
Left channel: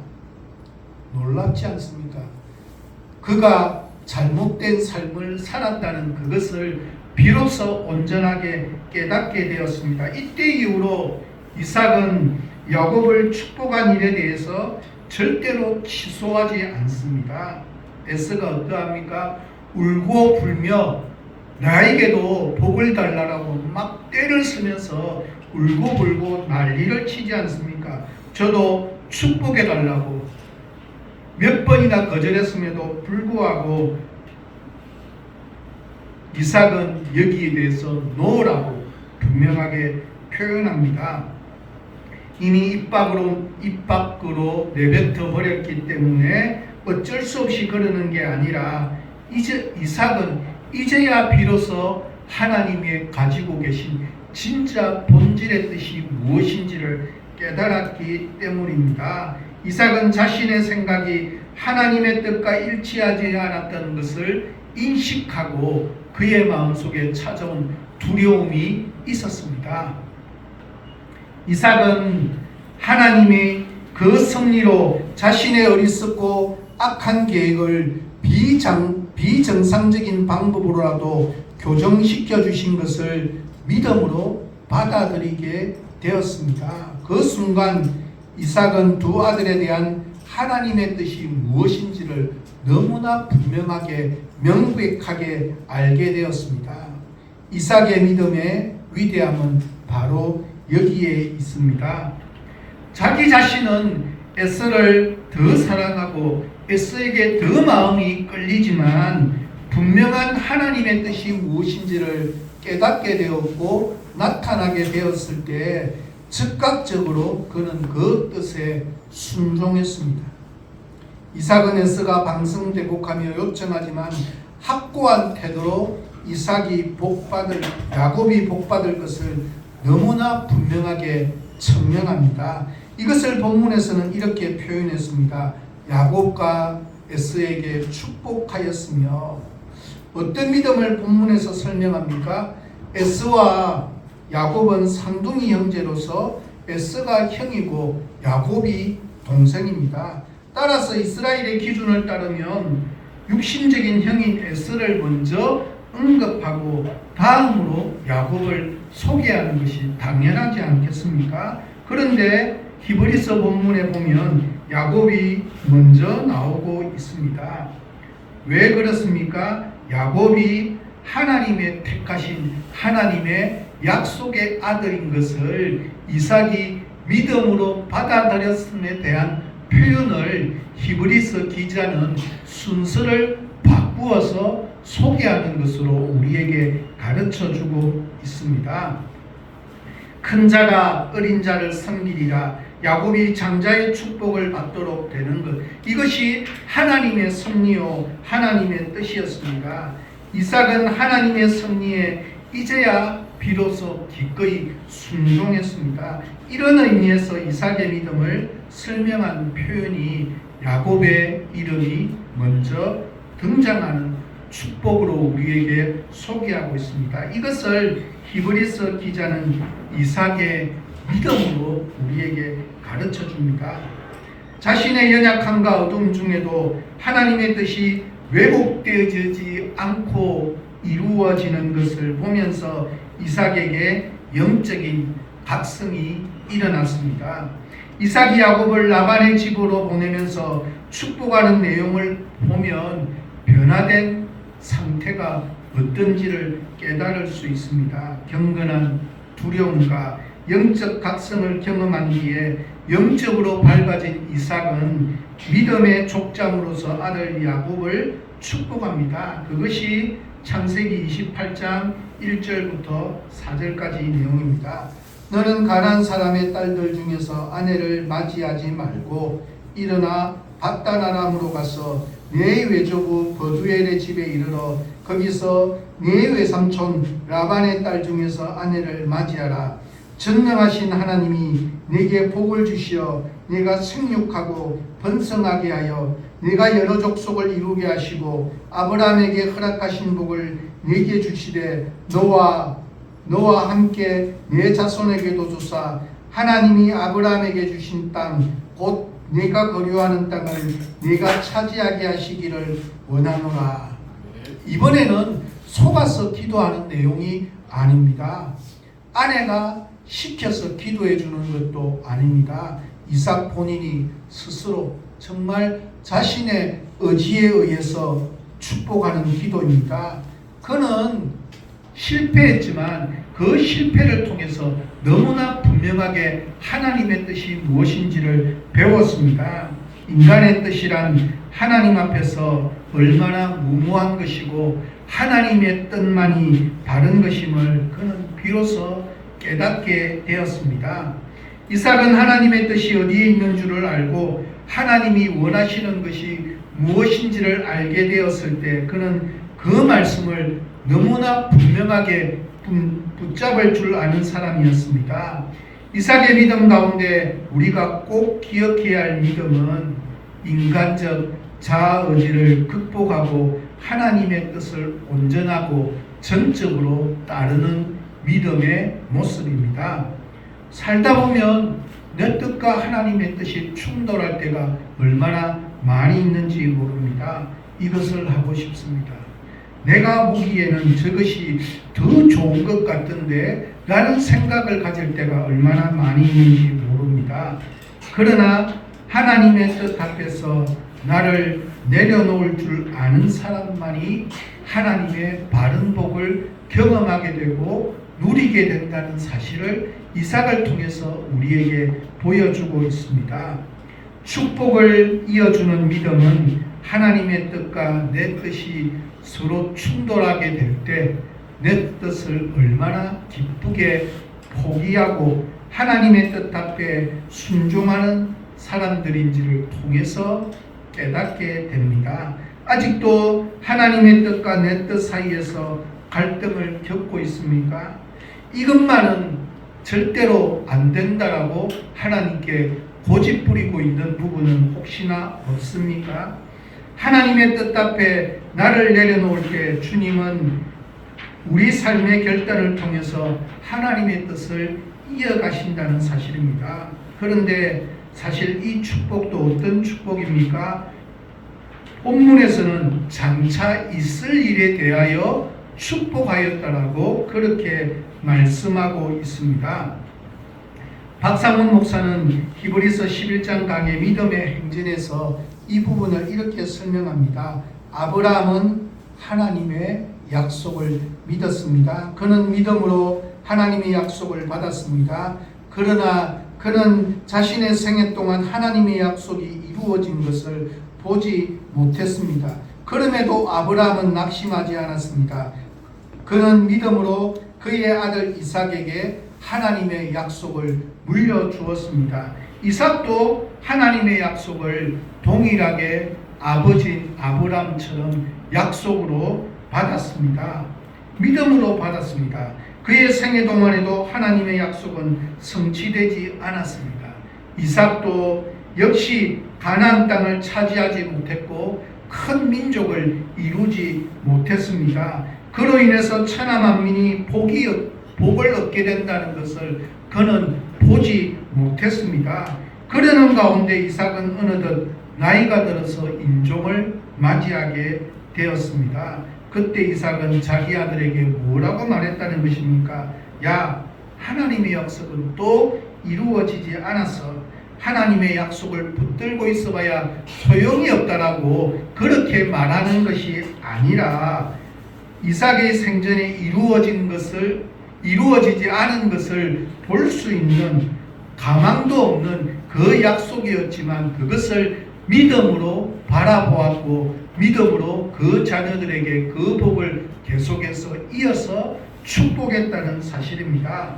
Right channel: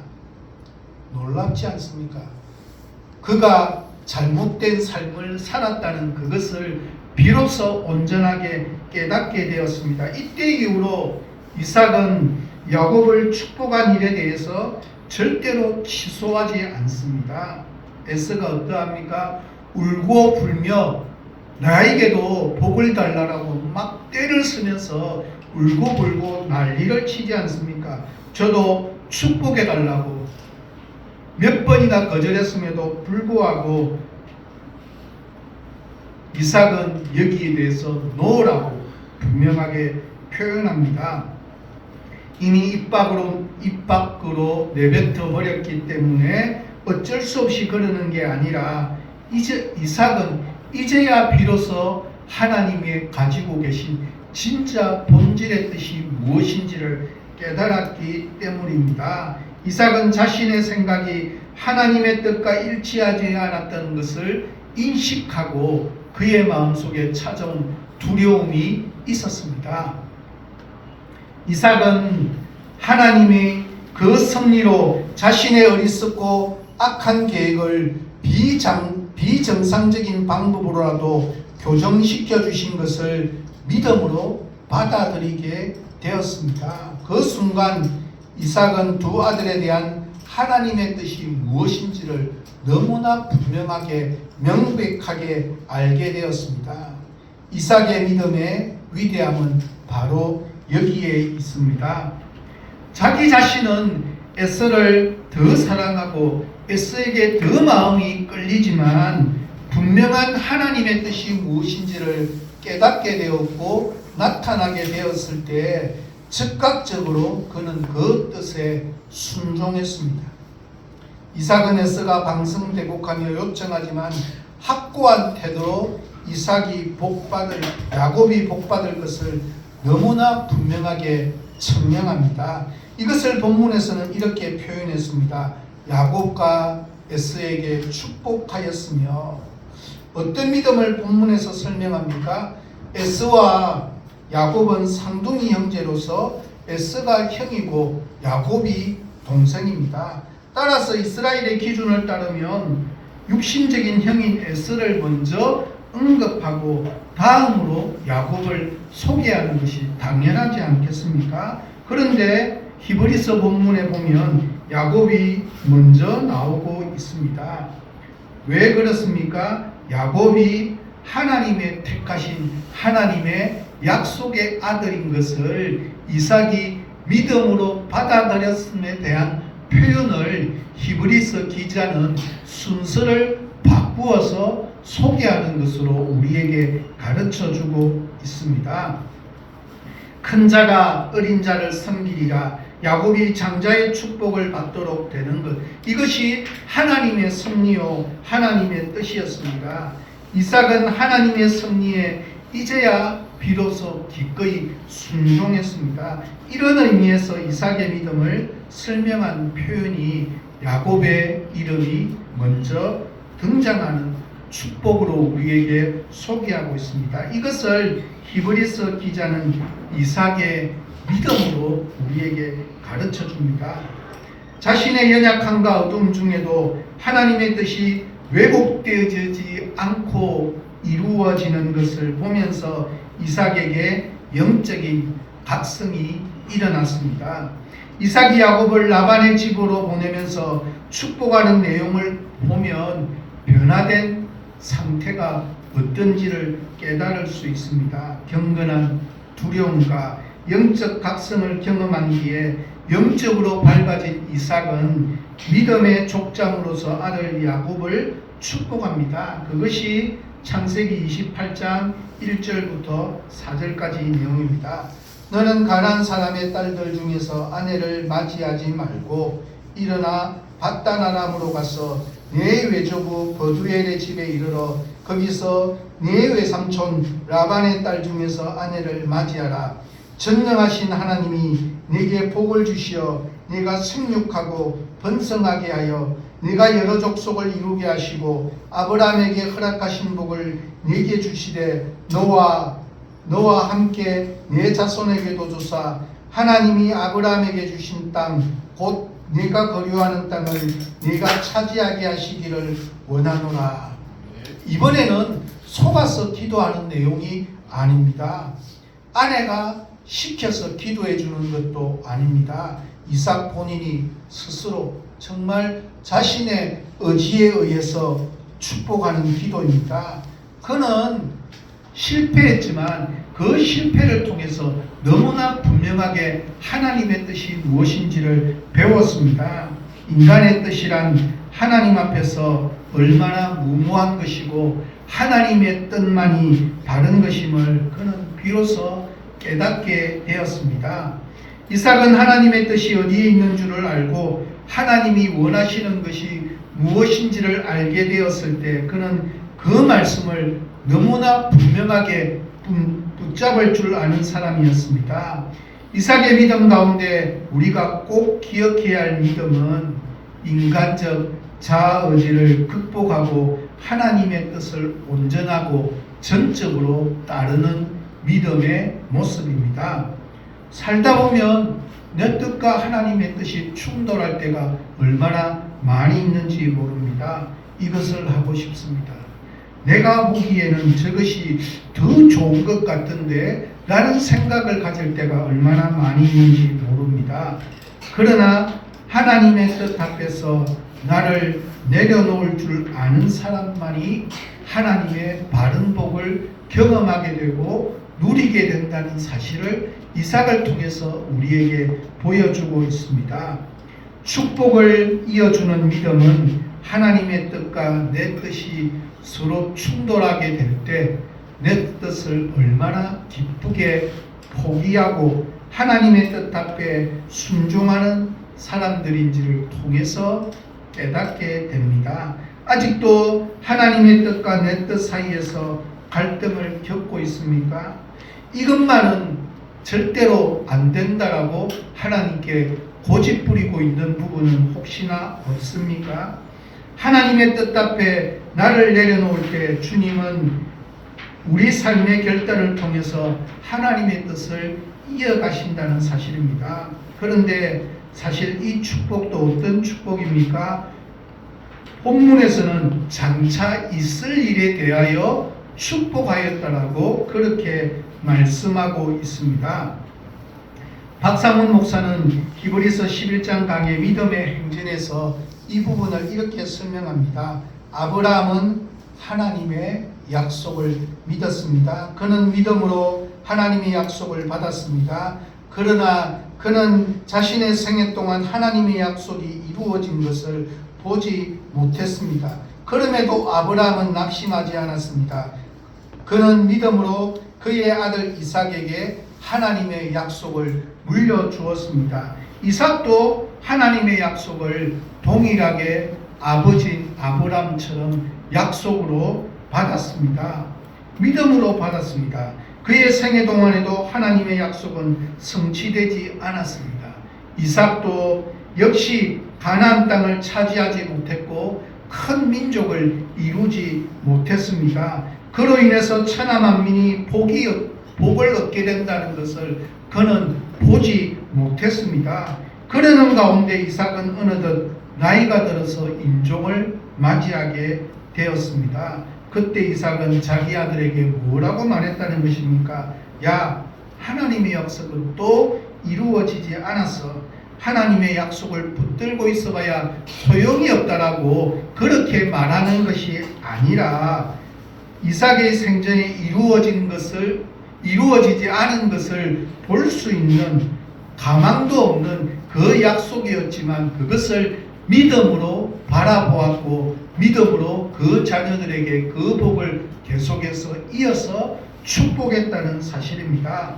놀랍지 않습니까? 그가 잘못된 삶을 살았다는 그것을 비로소 온전하게 깨닫게 되었습니다. 이때 이후로 이삭은 야곱을 축복한 일에 대해서 절대로 취소하지 않습니다. 에서가 어떠합니까? 울고 불며 나에게도 복을 달라고 막 떼를 쓰면서 울고 불고 난리를 치지 않습니까? 저도 축복해 달라고 몇 번이나 거절했음에도 불구하고 이삭은 여기에 대해서 노라고 분명하게 표현합니다. 이미 입 밖으로 내뱉어 버렸기 때문에 어쩔 수 없이 그러는 게 아니라 이제 이삭은 이제야 비로소 하나님이 가지고 계신 진짜 본질의 뜻이 무엇인지를 깨달았기 때문입니다. 이삭은 자신의 생각이 하나님의 뜻과 일치하지 않았다는 것을 인식하고 그의 마음속에 찾아온 두려움이 있었습니다. 이삭은 하나님이 그 섭리로 자신의 어리석고 악한 계획을 비정상적인 방법으로라도 교정시켜 주신 것을 믿음으로 받아들이게 되었습니다. 그 순간 이삭은 두 아들에 대한 하나님의 뜻이 무엇인지를 너무나 분명하게 명백하게 알게 되었습니다. 이삭의 믿음의 위대함은 바로 여기에 있습니다. 자기 자신은 에서를 더 사랑하고 에서에게 더 마음이 끌리지만 분명한 하나님의 뜻이 무엇인지를 깨닫게 되었고 나타나게 되었을 때 즉각적으로 그는 그 뜻에 순종했습니다. 이삭은 에서가 방성대곡하며 요청하지만 확고한 태도로 야곱이 복받을 것을 너무나 분명하게 청명합니다. 이것을 본문에서는 이렇게 표현했습니다. 야곱과 에서에게 축복하였으며, 어떤 믿음을 본문에서 설명합니까? 에서와 야곱은 쌍둥이 형제로서 에서가 형이고 야곱이 동생입니다. 따라서 이스라엘의 기준을 따르면 육신적인 형인 에서를 먼저 언급하고 다음으로 야곱을 소개하는 것이 당연하지 않겠습니까? 그런데 히브리서 본문에 보면 야곱이 먼저 나오고 있습니다. 왜 그렇습니까? 야곱이 하나님의 택하신 하나님의 약속의 아들인 것을 이삭이 믿음으로 받아들였음에 대한 표현을 히브리서 기자는 순서를 바꾸어서 소개하는 것으로 우리에게 가르쳐주고 있습니다. 큰 자가 어린 자를 섬기리라. 야곱이 장자의 축복을 받도록 되는 것, 이것이 하나님의 섭리요 하나님의 뜻이었습니다. 이삭은 하나님의 섭리에 이제야 비로소 기꺼이 순종했습니다. 이런 의미에서 이삭의 믿음을 설명한 표현이 야곱의 이름이 먼저 등장하는 축복으로 우리에게 소개하고 있습니다. 이것을 히브리서 기자는 이삭의 믿음으로 우리에게 가르쳐 줍니다. 자신의 연약함과 어둠 중에도 하나님의 뜻이 왜곡되지 않고 이루어지는 것을 보면서 이삭에게 영적인 각성이 일어났습니다. 이삭이 야곱을 라반의 집으로 보내면서 축복하는 내용을 보면 변화된 상태가 어떤지를 깨달을 수 있습니다. 경건한 두려움과 영적 각성을 경험한 뒤에 영적으로 밝아진 이삭은 믿음의 족장으로서 아들 야곱을 축복합니다. 그것이 창세기 28장 1절부터 4절까지 내용입니다. 너는 가나안 사람의 딸들 중에서 아내를 맞이하지 말고 일어나 밧단-아람으로 가서 네 외조부 버두엘의 집에 이르러 거기서 네 외삼촌 라반의 딸 중에서 아내를 맞이하라. 전능하신 하나님이 네게 복을 주시어 네가 생육하고 번성하게 하여 네가 여러 족속을 이루게 하시고 아브라함에게 허락하신 복을 네게 주시되 너와 함께 네 자손에게도 주사 하나님이 아브라함에게 주신 땅 곧 네가 거류하는 땅을 네가 차지하게 하시기를 원하노라. 이번에는 속아서 기도하는 내용이 아닙니다. 아내가 시켜서 기도해 주는 것도 아닙니다. 이삭 본인이 스스로 정말 자신의 의지에 의해서 축복하는 기도입니다. 그는 실패했지만 그 실패를 통해서 너무나 분명하게 하나님의 뜻이 무엇인지를 배웠습니다. 인간의 뜻이란 하나님 앞에서 얼마나 무모한 것이고 하나님의 뜻만이 바른 것임을 그는 비로소 깨닫게 되었습니다. 이삭은 하나님의 뜻이 어디에 있는 줄을 알고 하나님이 원하시는 것이 무엇인지를 알게 되었을 때 그는 그 말씀을 너무나 분명하게 붙잡을 줄 아는 사람이었습니다. 이삭의 믿음 가운데 우리가 꼭 기억해야 할 믿음은 인간적 자아의지를 극복하고 하나님의 뜻을 온전하고 전적으로 따르는 믿음의 모습입니다. 살다 보면 내 뜻과 하나님의 뜻이 충돌할 때가 얼마나 많이 있는지 모릅니다. 이것을 하고 싶습니다. 내가 보기에는 저것이 더 좋은 것 같은데 라는 생각을 가질 때가 얼마나 많이 있는지 모릅니다. 그러나 하나님의 뜻 앞에서 나를 내려놓을 줄 아는 사람만이 하나님의 바른 복을 경험하게 되고 누리게 된다는 사실을 이삭을 통해서 우리에게 보여주고 있습니다. 축복을 이어주는 믿음은 하나님의 뜻과 내 뜻이 서로 충돌하게 될 때 내 뜻을 얼마나 기쁘게 포기하고 하나님의 뜻 앞에 순종하는 사람들인지를 통해서 깨닫게 됩니다. 아직도 하나님의 뜻과 내 뜻 사이에서 갈등을 겪고 있습니까? 이것만은 절대로 안 된다라고 하나님께 고집부리고 있는 부분은 혹시나 없습니까? 하나님의 뜻 앞에 나를 내려놓을 때 주님은 우리 삶의 결단을 통해서 하나님의 뜻을 이어가신다는 사실입니다. 그런데 사실 이 축복도 어떤 축복입니까? 본문에서는 장차 있을 일에 대하여 축복하였다라고 그렇게 말씀하고 있습니다. 박상훈 목사는 히브리서 11장 강의 믿음의 행진에서 이 부분을 이렇게 설명합니다. 아브라함은 하나님의 약속을 믿었습니다. 그는 믿음으로 하나님의 약속을 받았습니다. 그러나 그는 자신의 생애 동안 하나님의 약속이 이루어진 것을 보지 못했습니다. 그럼에도 아브라함은 낙심하지 않았습니다. 그는 믿음으로 그의 아들 이삭에게 하나님의 약속을 물려주었습니다. 이삭도 하나님의 약속을 동일하게 아버지 아브라함처럼 약속으로 받았습니다. 믿음으로 받았습니다. 그의 생애 동안에도 하나님의 약속은 성취되지 않았습니다. 이삭도 역시 가나안 땅을 차지하지 못했고 큰 민족을 이루지 못했습니다. 그로 인해서 천하 만민이 복을 얻게 된다는 것을 그는 보지 못했습니다. 그러는 가운데 이삭은 어느덧 나이가 들어서 임종을 맞이하게 되었습니다. 그때 이삭은 자기 아들에게 뭐라고 말했다는 것입니까? 야, 하나님의 약속은 또 이루어지지 않았어. 하나님의 약속을 붙들고 있어봐야 소용이 없다라고 그렇게 말하는 것이 아니라 이삭의 생전에 이루어지지 않은 것을 볼 수 있는 가망도 없는 그 약속이었지만 그것을 믿음으로 바라보았고 믿음으로 그 자녀들에게 그 복을 계속해서 이어서 축복했다는 사실입니다.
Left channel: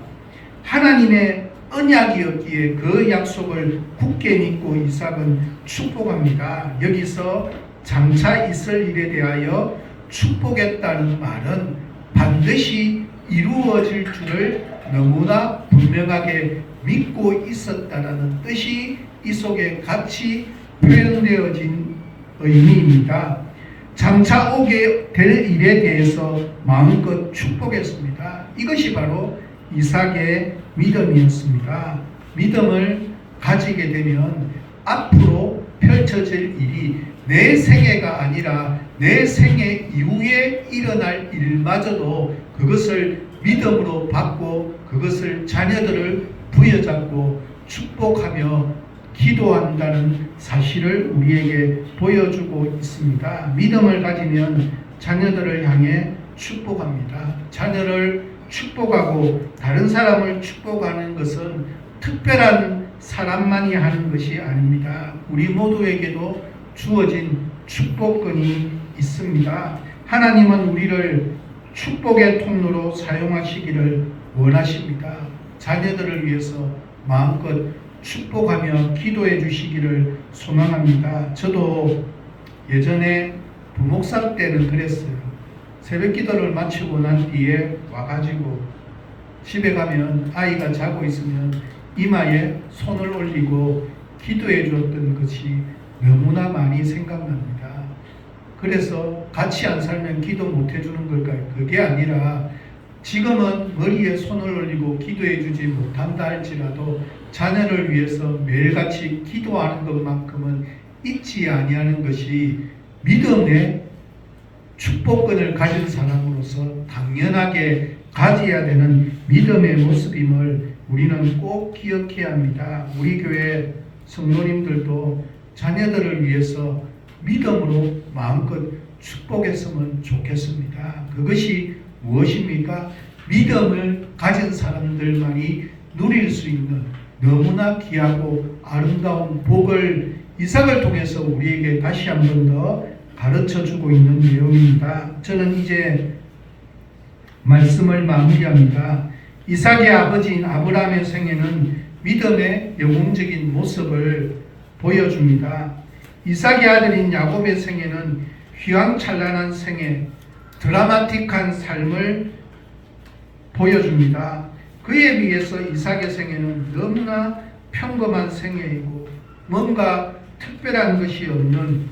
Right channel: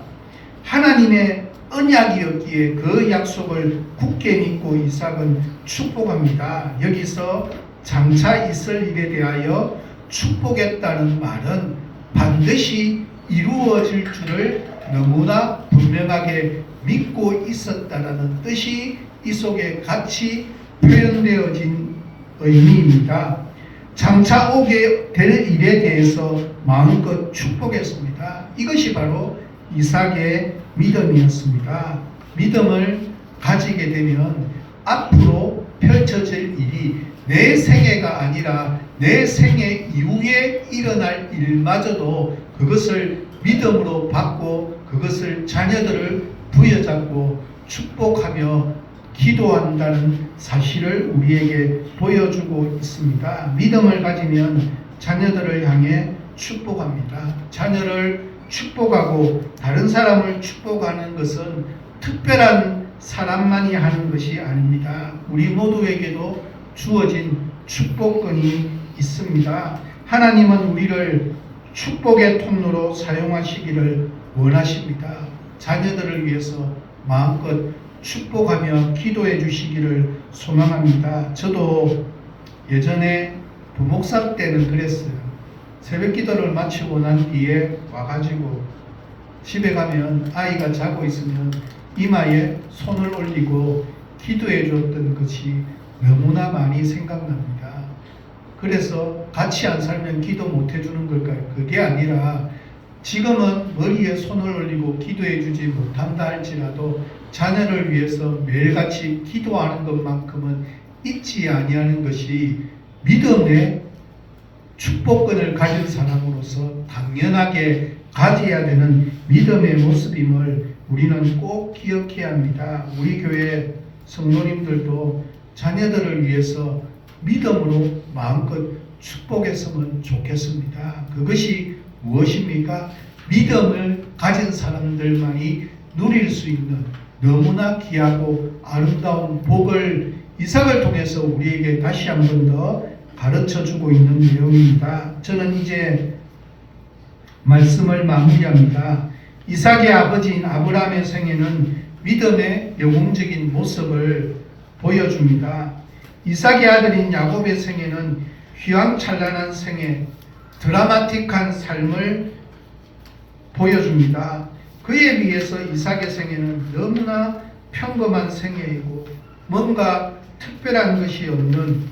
하나님의 언약이었기에 그 약속을 굳게 믿고 이삭은 축복합니다. 여기서 장차 있을 일에 대하여 축복했다는 말은 반드시 이루어질 줄을 너무나 분명하게 믿고 있었다는 뜻이 이 속에 같이 표현되어진 의미입니다. 장차 오게 될 일에 대해서 마음껏 축복했습니다. 이것이 바로 이삭의 믿음이었습니다. 믿음을 가지게 되면 앞으로 펼쳐질 일이 내 생애가 아니라 내 생애 이후에 일어날 일마저도 그것을 믿음으로 받고 그것을 자녀들을 부여잡고 축복하며 기도한다는 사실을 우리에게 보여주고 있습니다. 믿음을 가지면 자녀들을 향해 축복합니다. 자녀를 축복하고 다른 사람을 축복하는 것은 특별한 사람만이 하는 것이 아닙니다. 우리 모두에게도 주어진 축복권이 있습니다. 하나님은 우리를 축복의 통로로 사용하시기를 원하십니다. 자녀들을 위해서 마음껏 축복하며 기도해 주시기를 소망합니다. 저도 예전에 부목사 때는 그랬어요. 새벽 기도를 마치고 난 뒤에 와가지고 집에 가면 아이가 자고 있으면 이마에 손을 올리고 기도해 주었던 것이 너무나 많이 생각납니다. 그래서 같이 안 살면 기도 못 해주는 걸까요? 그게 아니라 지금은 머리에 손을 올리고 기도해 주지 못한다 할지라도 자녀를 위해서 매일같이 기도하는 것만큼은 잊지 아니하는 것이 믿음의 축복권을 가진 사람으로서 당연하게 가져야 되는 믿음의 모습임을 우리는 꼭 기억해야 합니다. 우리 교회 성도님들도 자녀들을 위해서 믿음으로 마음껏 축복했으면 좋겠습니다. 그것이 무엇입니까? 믿음을 가진 사람들만이 누릴 수 있는 너무나 귀하고 아름다운 복을 이삭을 통해서 우리에게 다시 한 번 더 가르쳐주고 있는 내용입니다. 저는 이제 말씀을 마무리합니다. 이삭의 아버지인 아브라함의 생애는 믿음의 영웅적인 모습을 보여줍니다. 이삭의 아들인 야곱의 생애는 휘황찬란한 생애, 드라마틱한 삶을 보여줍니다. 그에 비해서 이삭의 생애는 너무나 평범한 생애이고 뭔가 특별한 것이 없는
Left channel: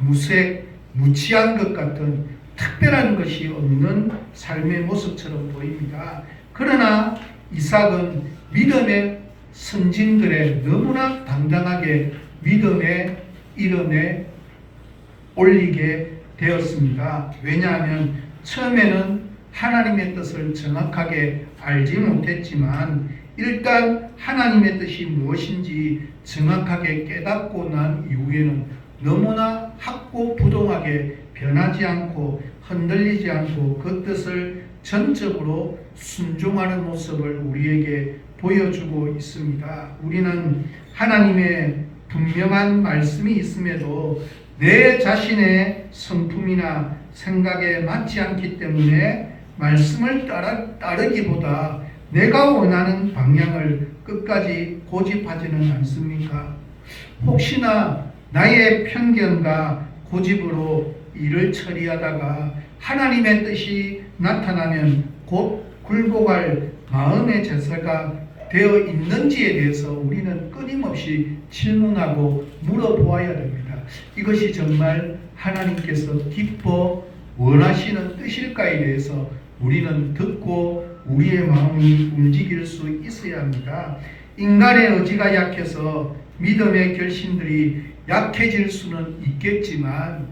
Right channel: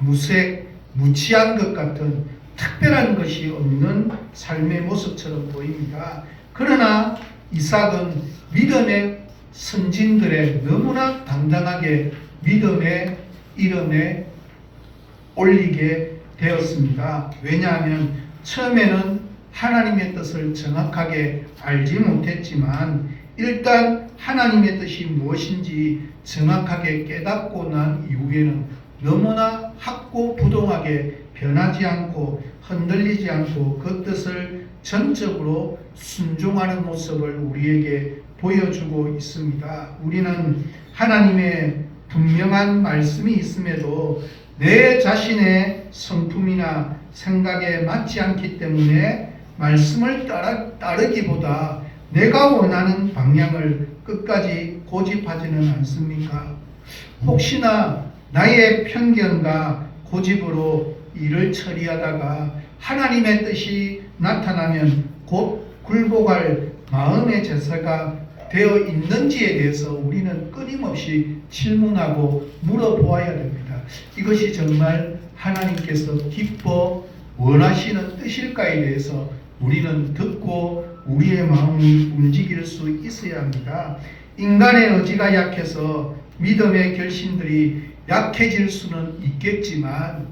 무색, 무치한 것 같은 특별한 것이 없는 삶의 모습처럼 보입니다. 그러나 이삭은 믿음의 선진들의 너무나 당당하게 믿음의 이름에 올리게 되었습니다. 왜냐하면 처음에는 하나님의 뜻을 정확하게 알지 못했지만 일단 하나님의 뜻이 무엇인지 정확하게 깨닫고 난 이후에는 너무나 확고부동하게 변하지 않고 흔들리지 않고 그 뜻을 전적으로 순종하는 모습을 우리에게 보여주고 있습니다. 우리는 하나님의 분명한 말씀이 있음에도 내 자신의 성품이나 생각에 맞지 않기 때문에 말씀을 따르기보다 내가 원하는 방향을 끝까지 고집하지는 않습니까? 혹시나 나의 편견과 고집으로 일을 처리하다가 하나님의 뜻이 나타나면 곧 굴복할 마음의 제사가 되어 있는지에 대해서 우리는 끊임없이 질문하고 물어보아야 됩니다. 이것이 정말 하나님께서 기뻐 원하시는 뜻일까에 대해서 우리는 듣고 우리의 마음이 움직일 수 있어야 합니다. 인간의 의지가 약해서 믿음의 결심들이 약해질 수는 있겠지만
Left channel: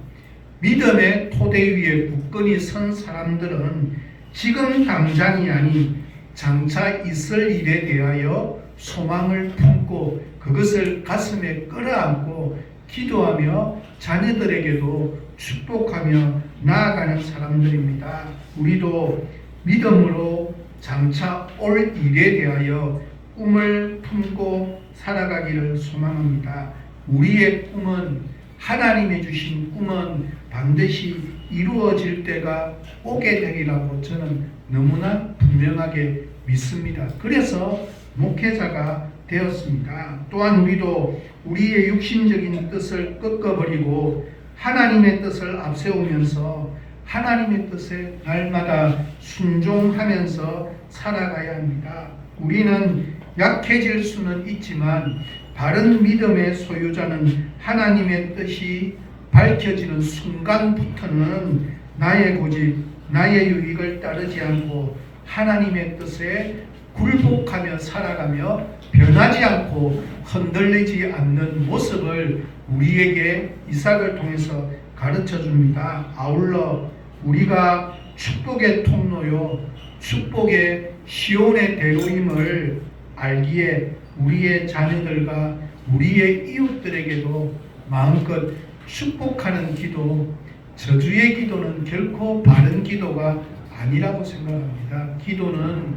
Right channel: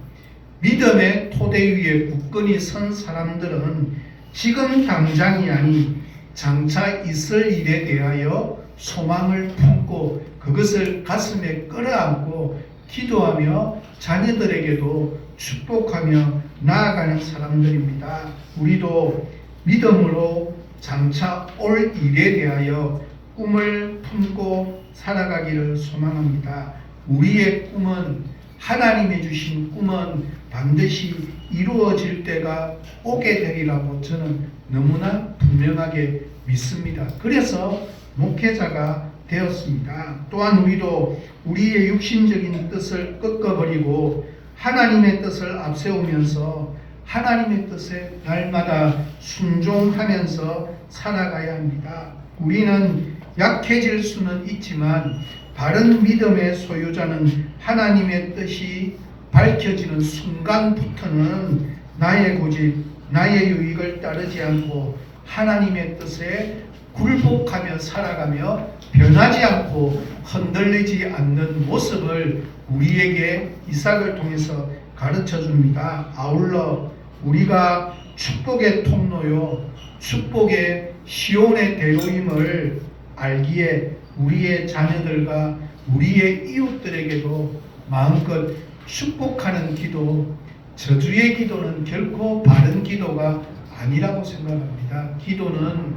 믿음의 토대 위에 굳건히 선 사람들은 지금 당장이 아니 장차 있을 일에 대하여 소망을 품고 그것을 가슴에 끌어안고 기도하며 자녀들에게도 축복하며 나아가는 사람들입니다. 우리도 믿음으로 장차 올 일에 대하여 꿈을 품고 살아가기를 소망합니다. 우리의 꿈은 하나님이 주신 꿈은 반드시 이루어질 때가 오게 되리라고 저는 너무나 분명하게 믿습니다. 그래서 목회자가 되었습니다. 또한 우리도 우리의 육신적인 뜻을 꺾어버리고 하나님의 뜻을 앞세우면서 하나님의 뜻에 날마다 순종하면서 살아가야 합니다. 우리는 약해질 수는 있지만 바른 믿음의 소유자는 하나님의 뜻이 밝혀지는 순간부터는 나의 고집, 나의 유익을 따르지 않고 하나님의 뜻에 굴복하며 살아가며 변하지 않고 흔들리지 않는 모습을 우리에게 이삭을 통해서 가르쳐 줍니다. 아울러 우리가 축복의 통로요, 축복의 시온의 대로임을 알기에 우리의 자녀들과 우리의 이웃들에게도 마음껏 축복하는 기도, 저주의 기도는 결코 바른 기도가 아니라고 생각합니다. 기도는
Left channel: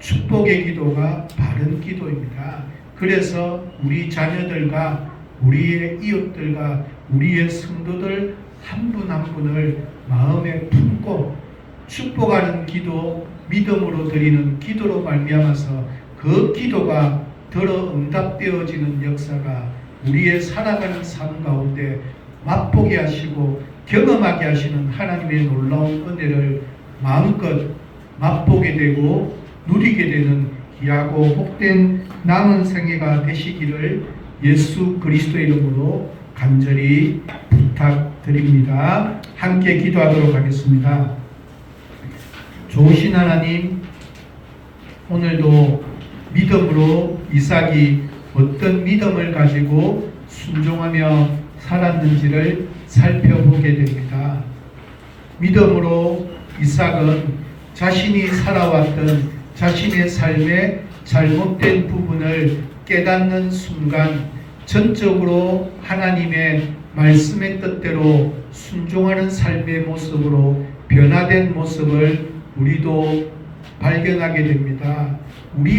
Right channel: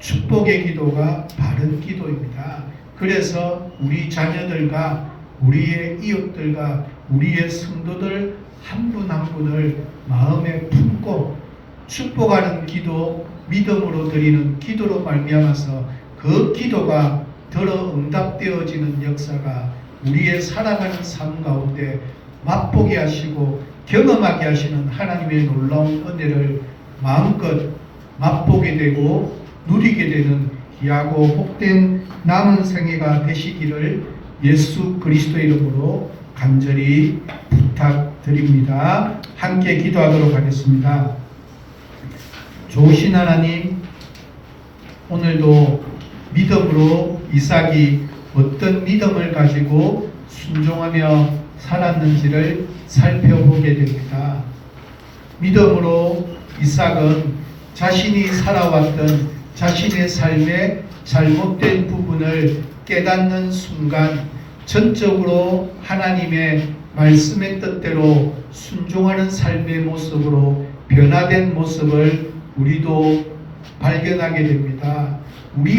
축복의 기도가 바른 기도입니다. 그래서 우리 자녀들과 우리의 이웃들과 우리의 성도들 한 분 한 분을 마음에 품고 축복하는 기도, 믿음으로 드리는 기도로 말미암아서 그 기도가 들어 응답되어지는 역사가 우리의 살아가는 삶 가운데 맛보게 하시고 경험하게 하시는 하나님의 놀라운 은혜를 마음껏 맛보게 되고 누리게 되는 귀하고 복된 남은 생애가 되시기를 예수 그리스도의 이름으로 간절히 부탁드립니다. 함께 기도하도록 하겠습니다. 좋으신 하나님, 오늘도 믿음으로 이삭이 어떤 믿음을 가지고 순종하며 살았는지를 살펴보게 됩니다. 믿음으로 이삭은 자신이 살아왔던 자신의 삶의 잘못된 부분을 깨닫는 순간 전적으로 하나님의 말씀의 뜻대로 순종하는 삶의 모습으로 변화된 모습을 우리도 발견하게 됩니다. 우리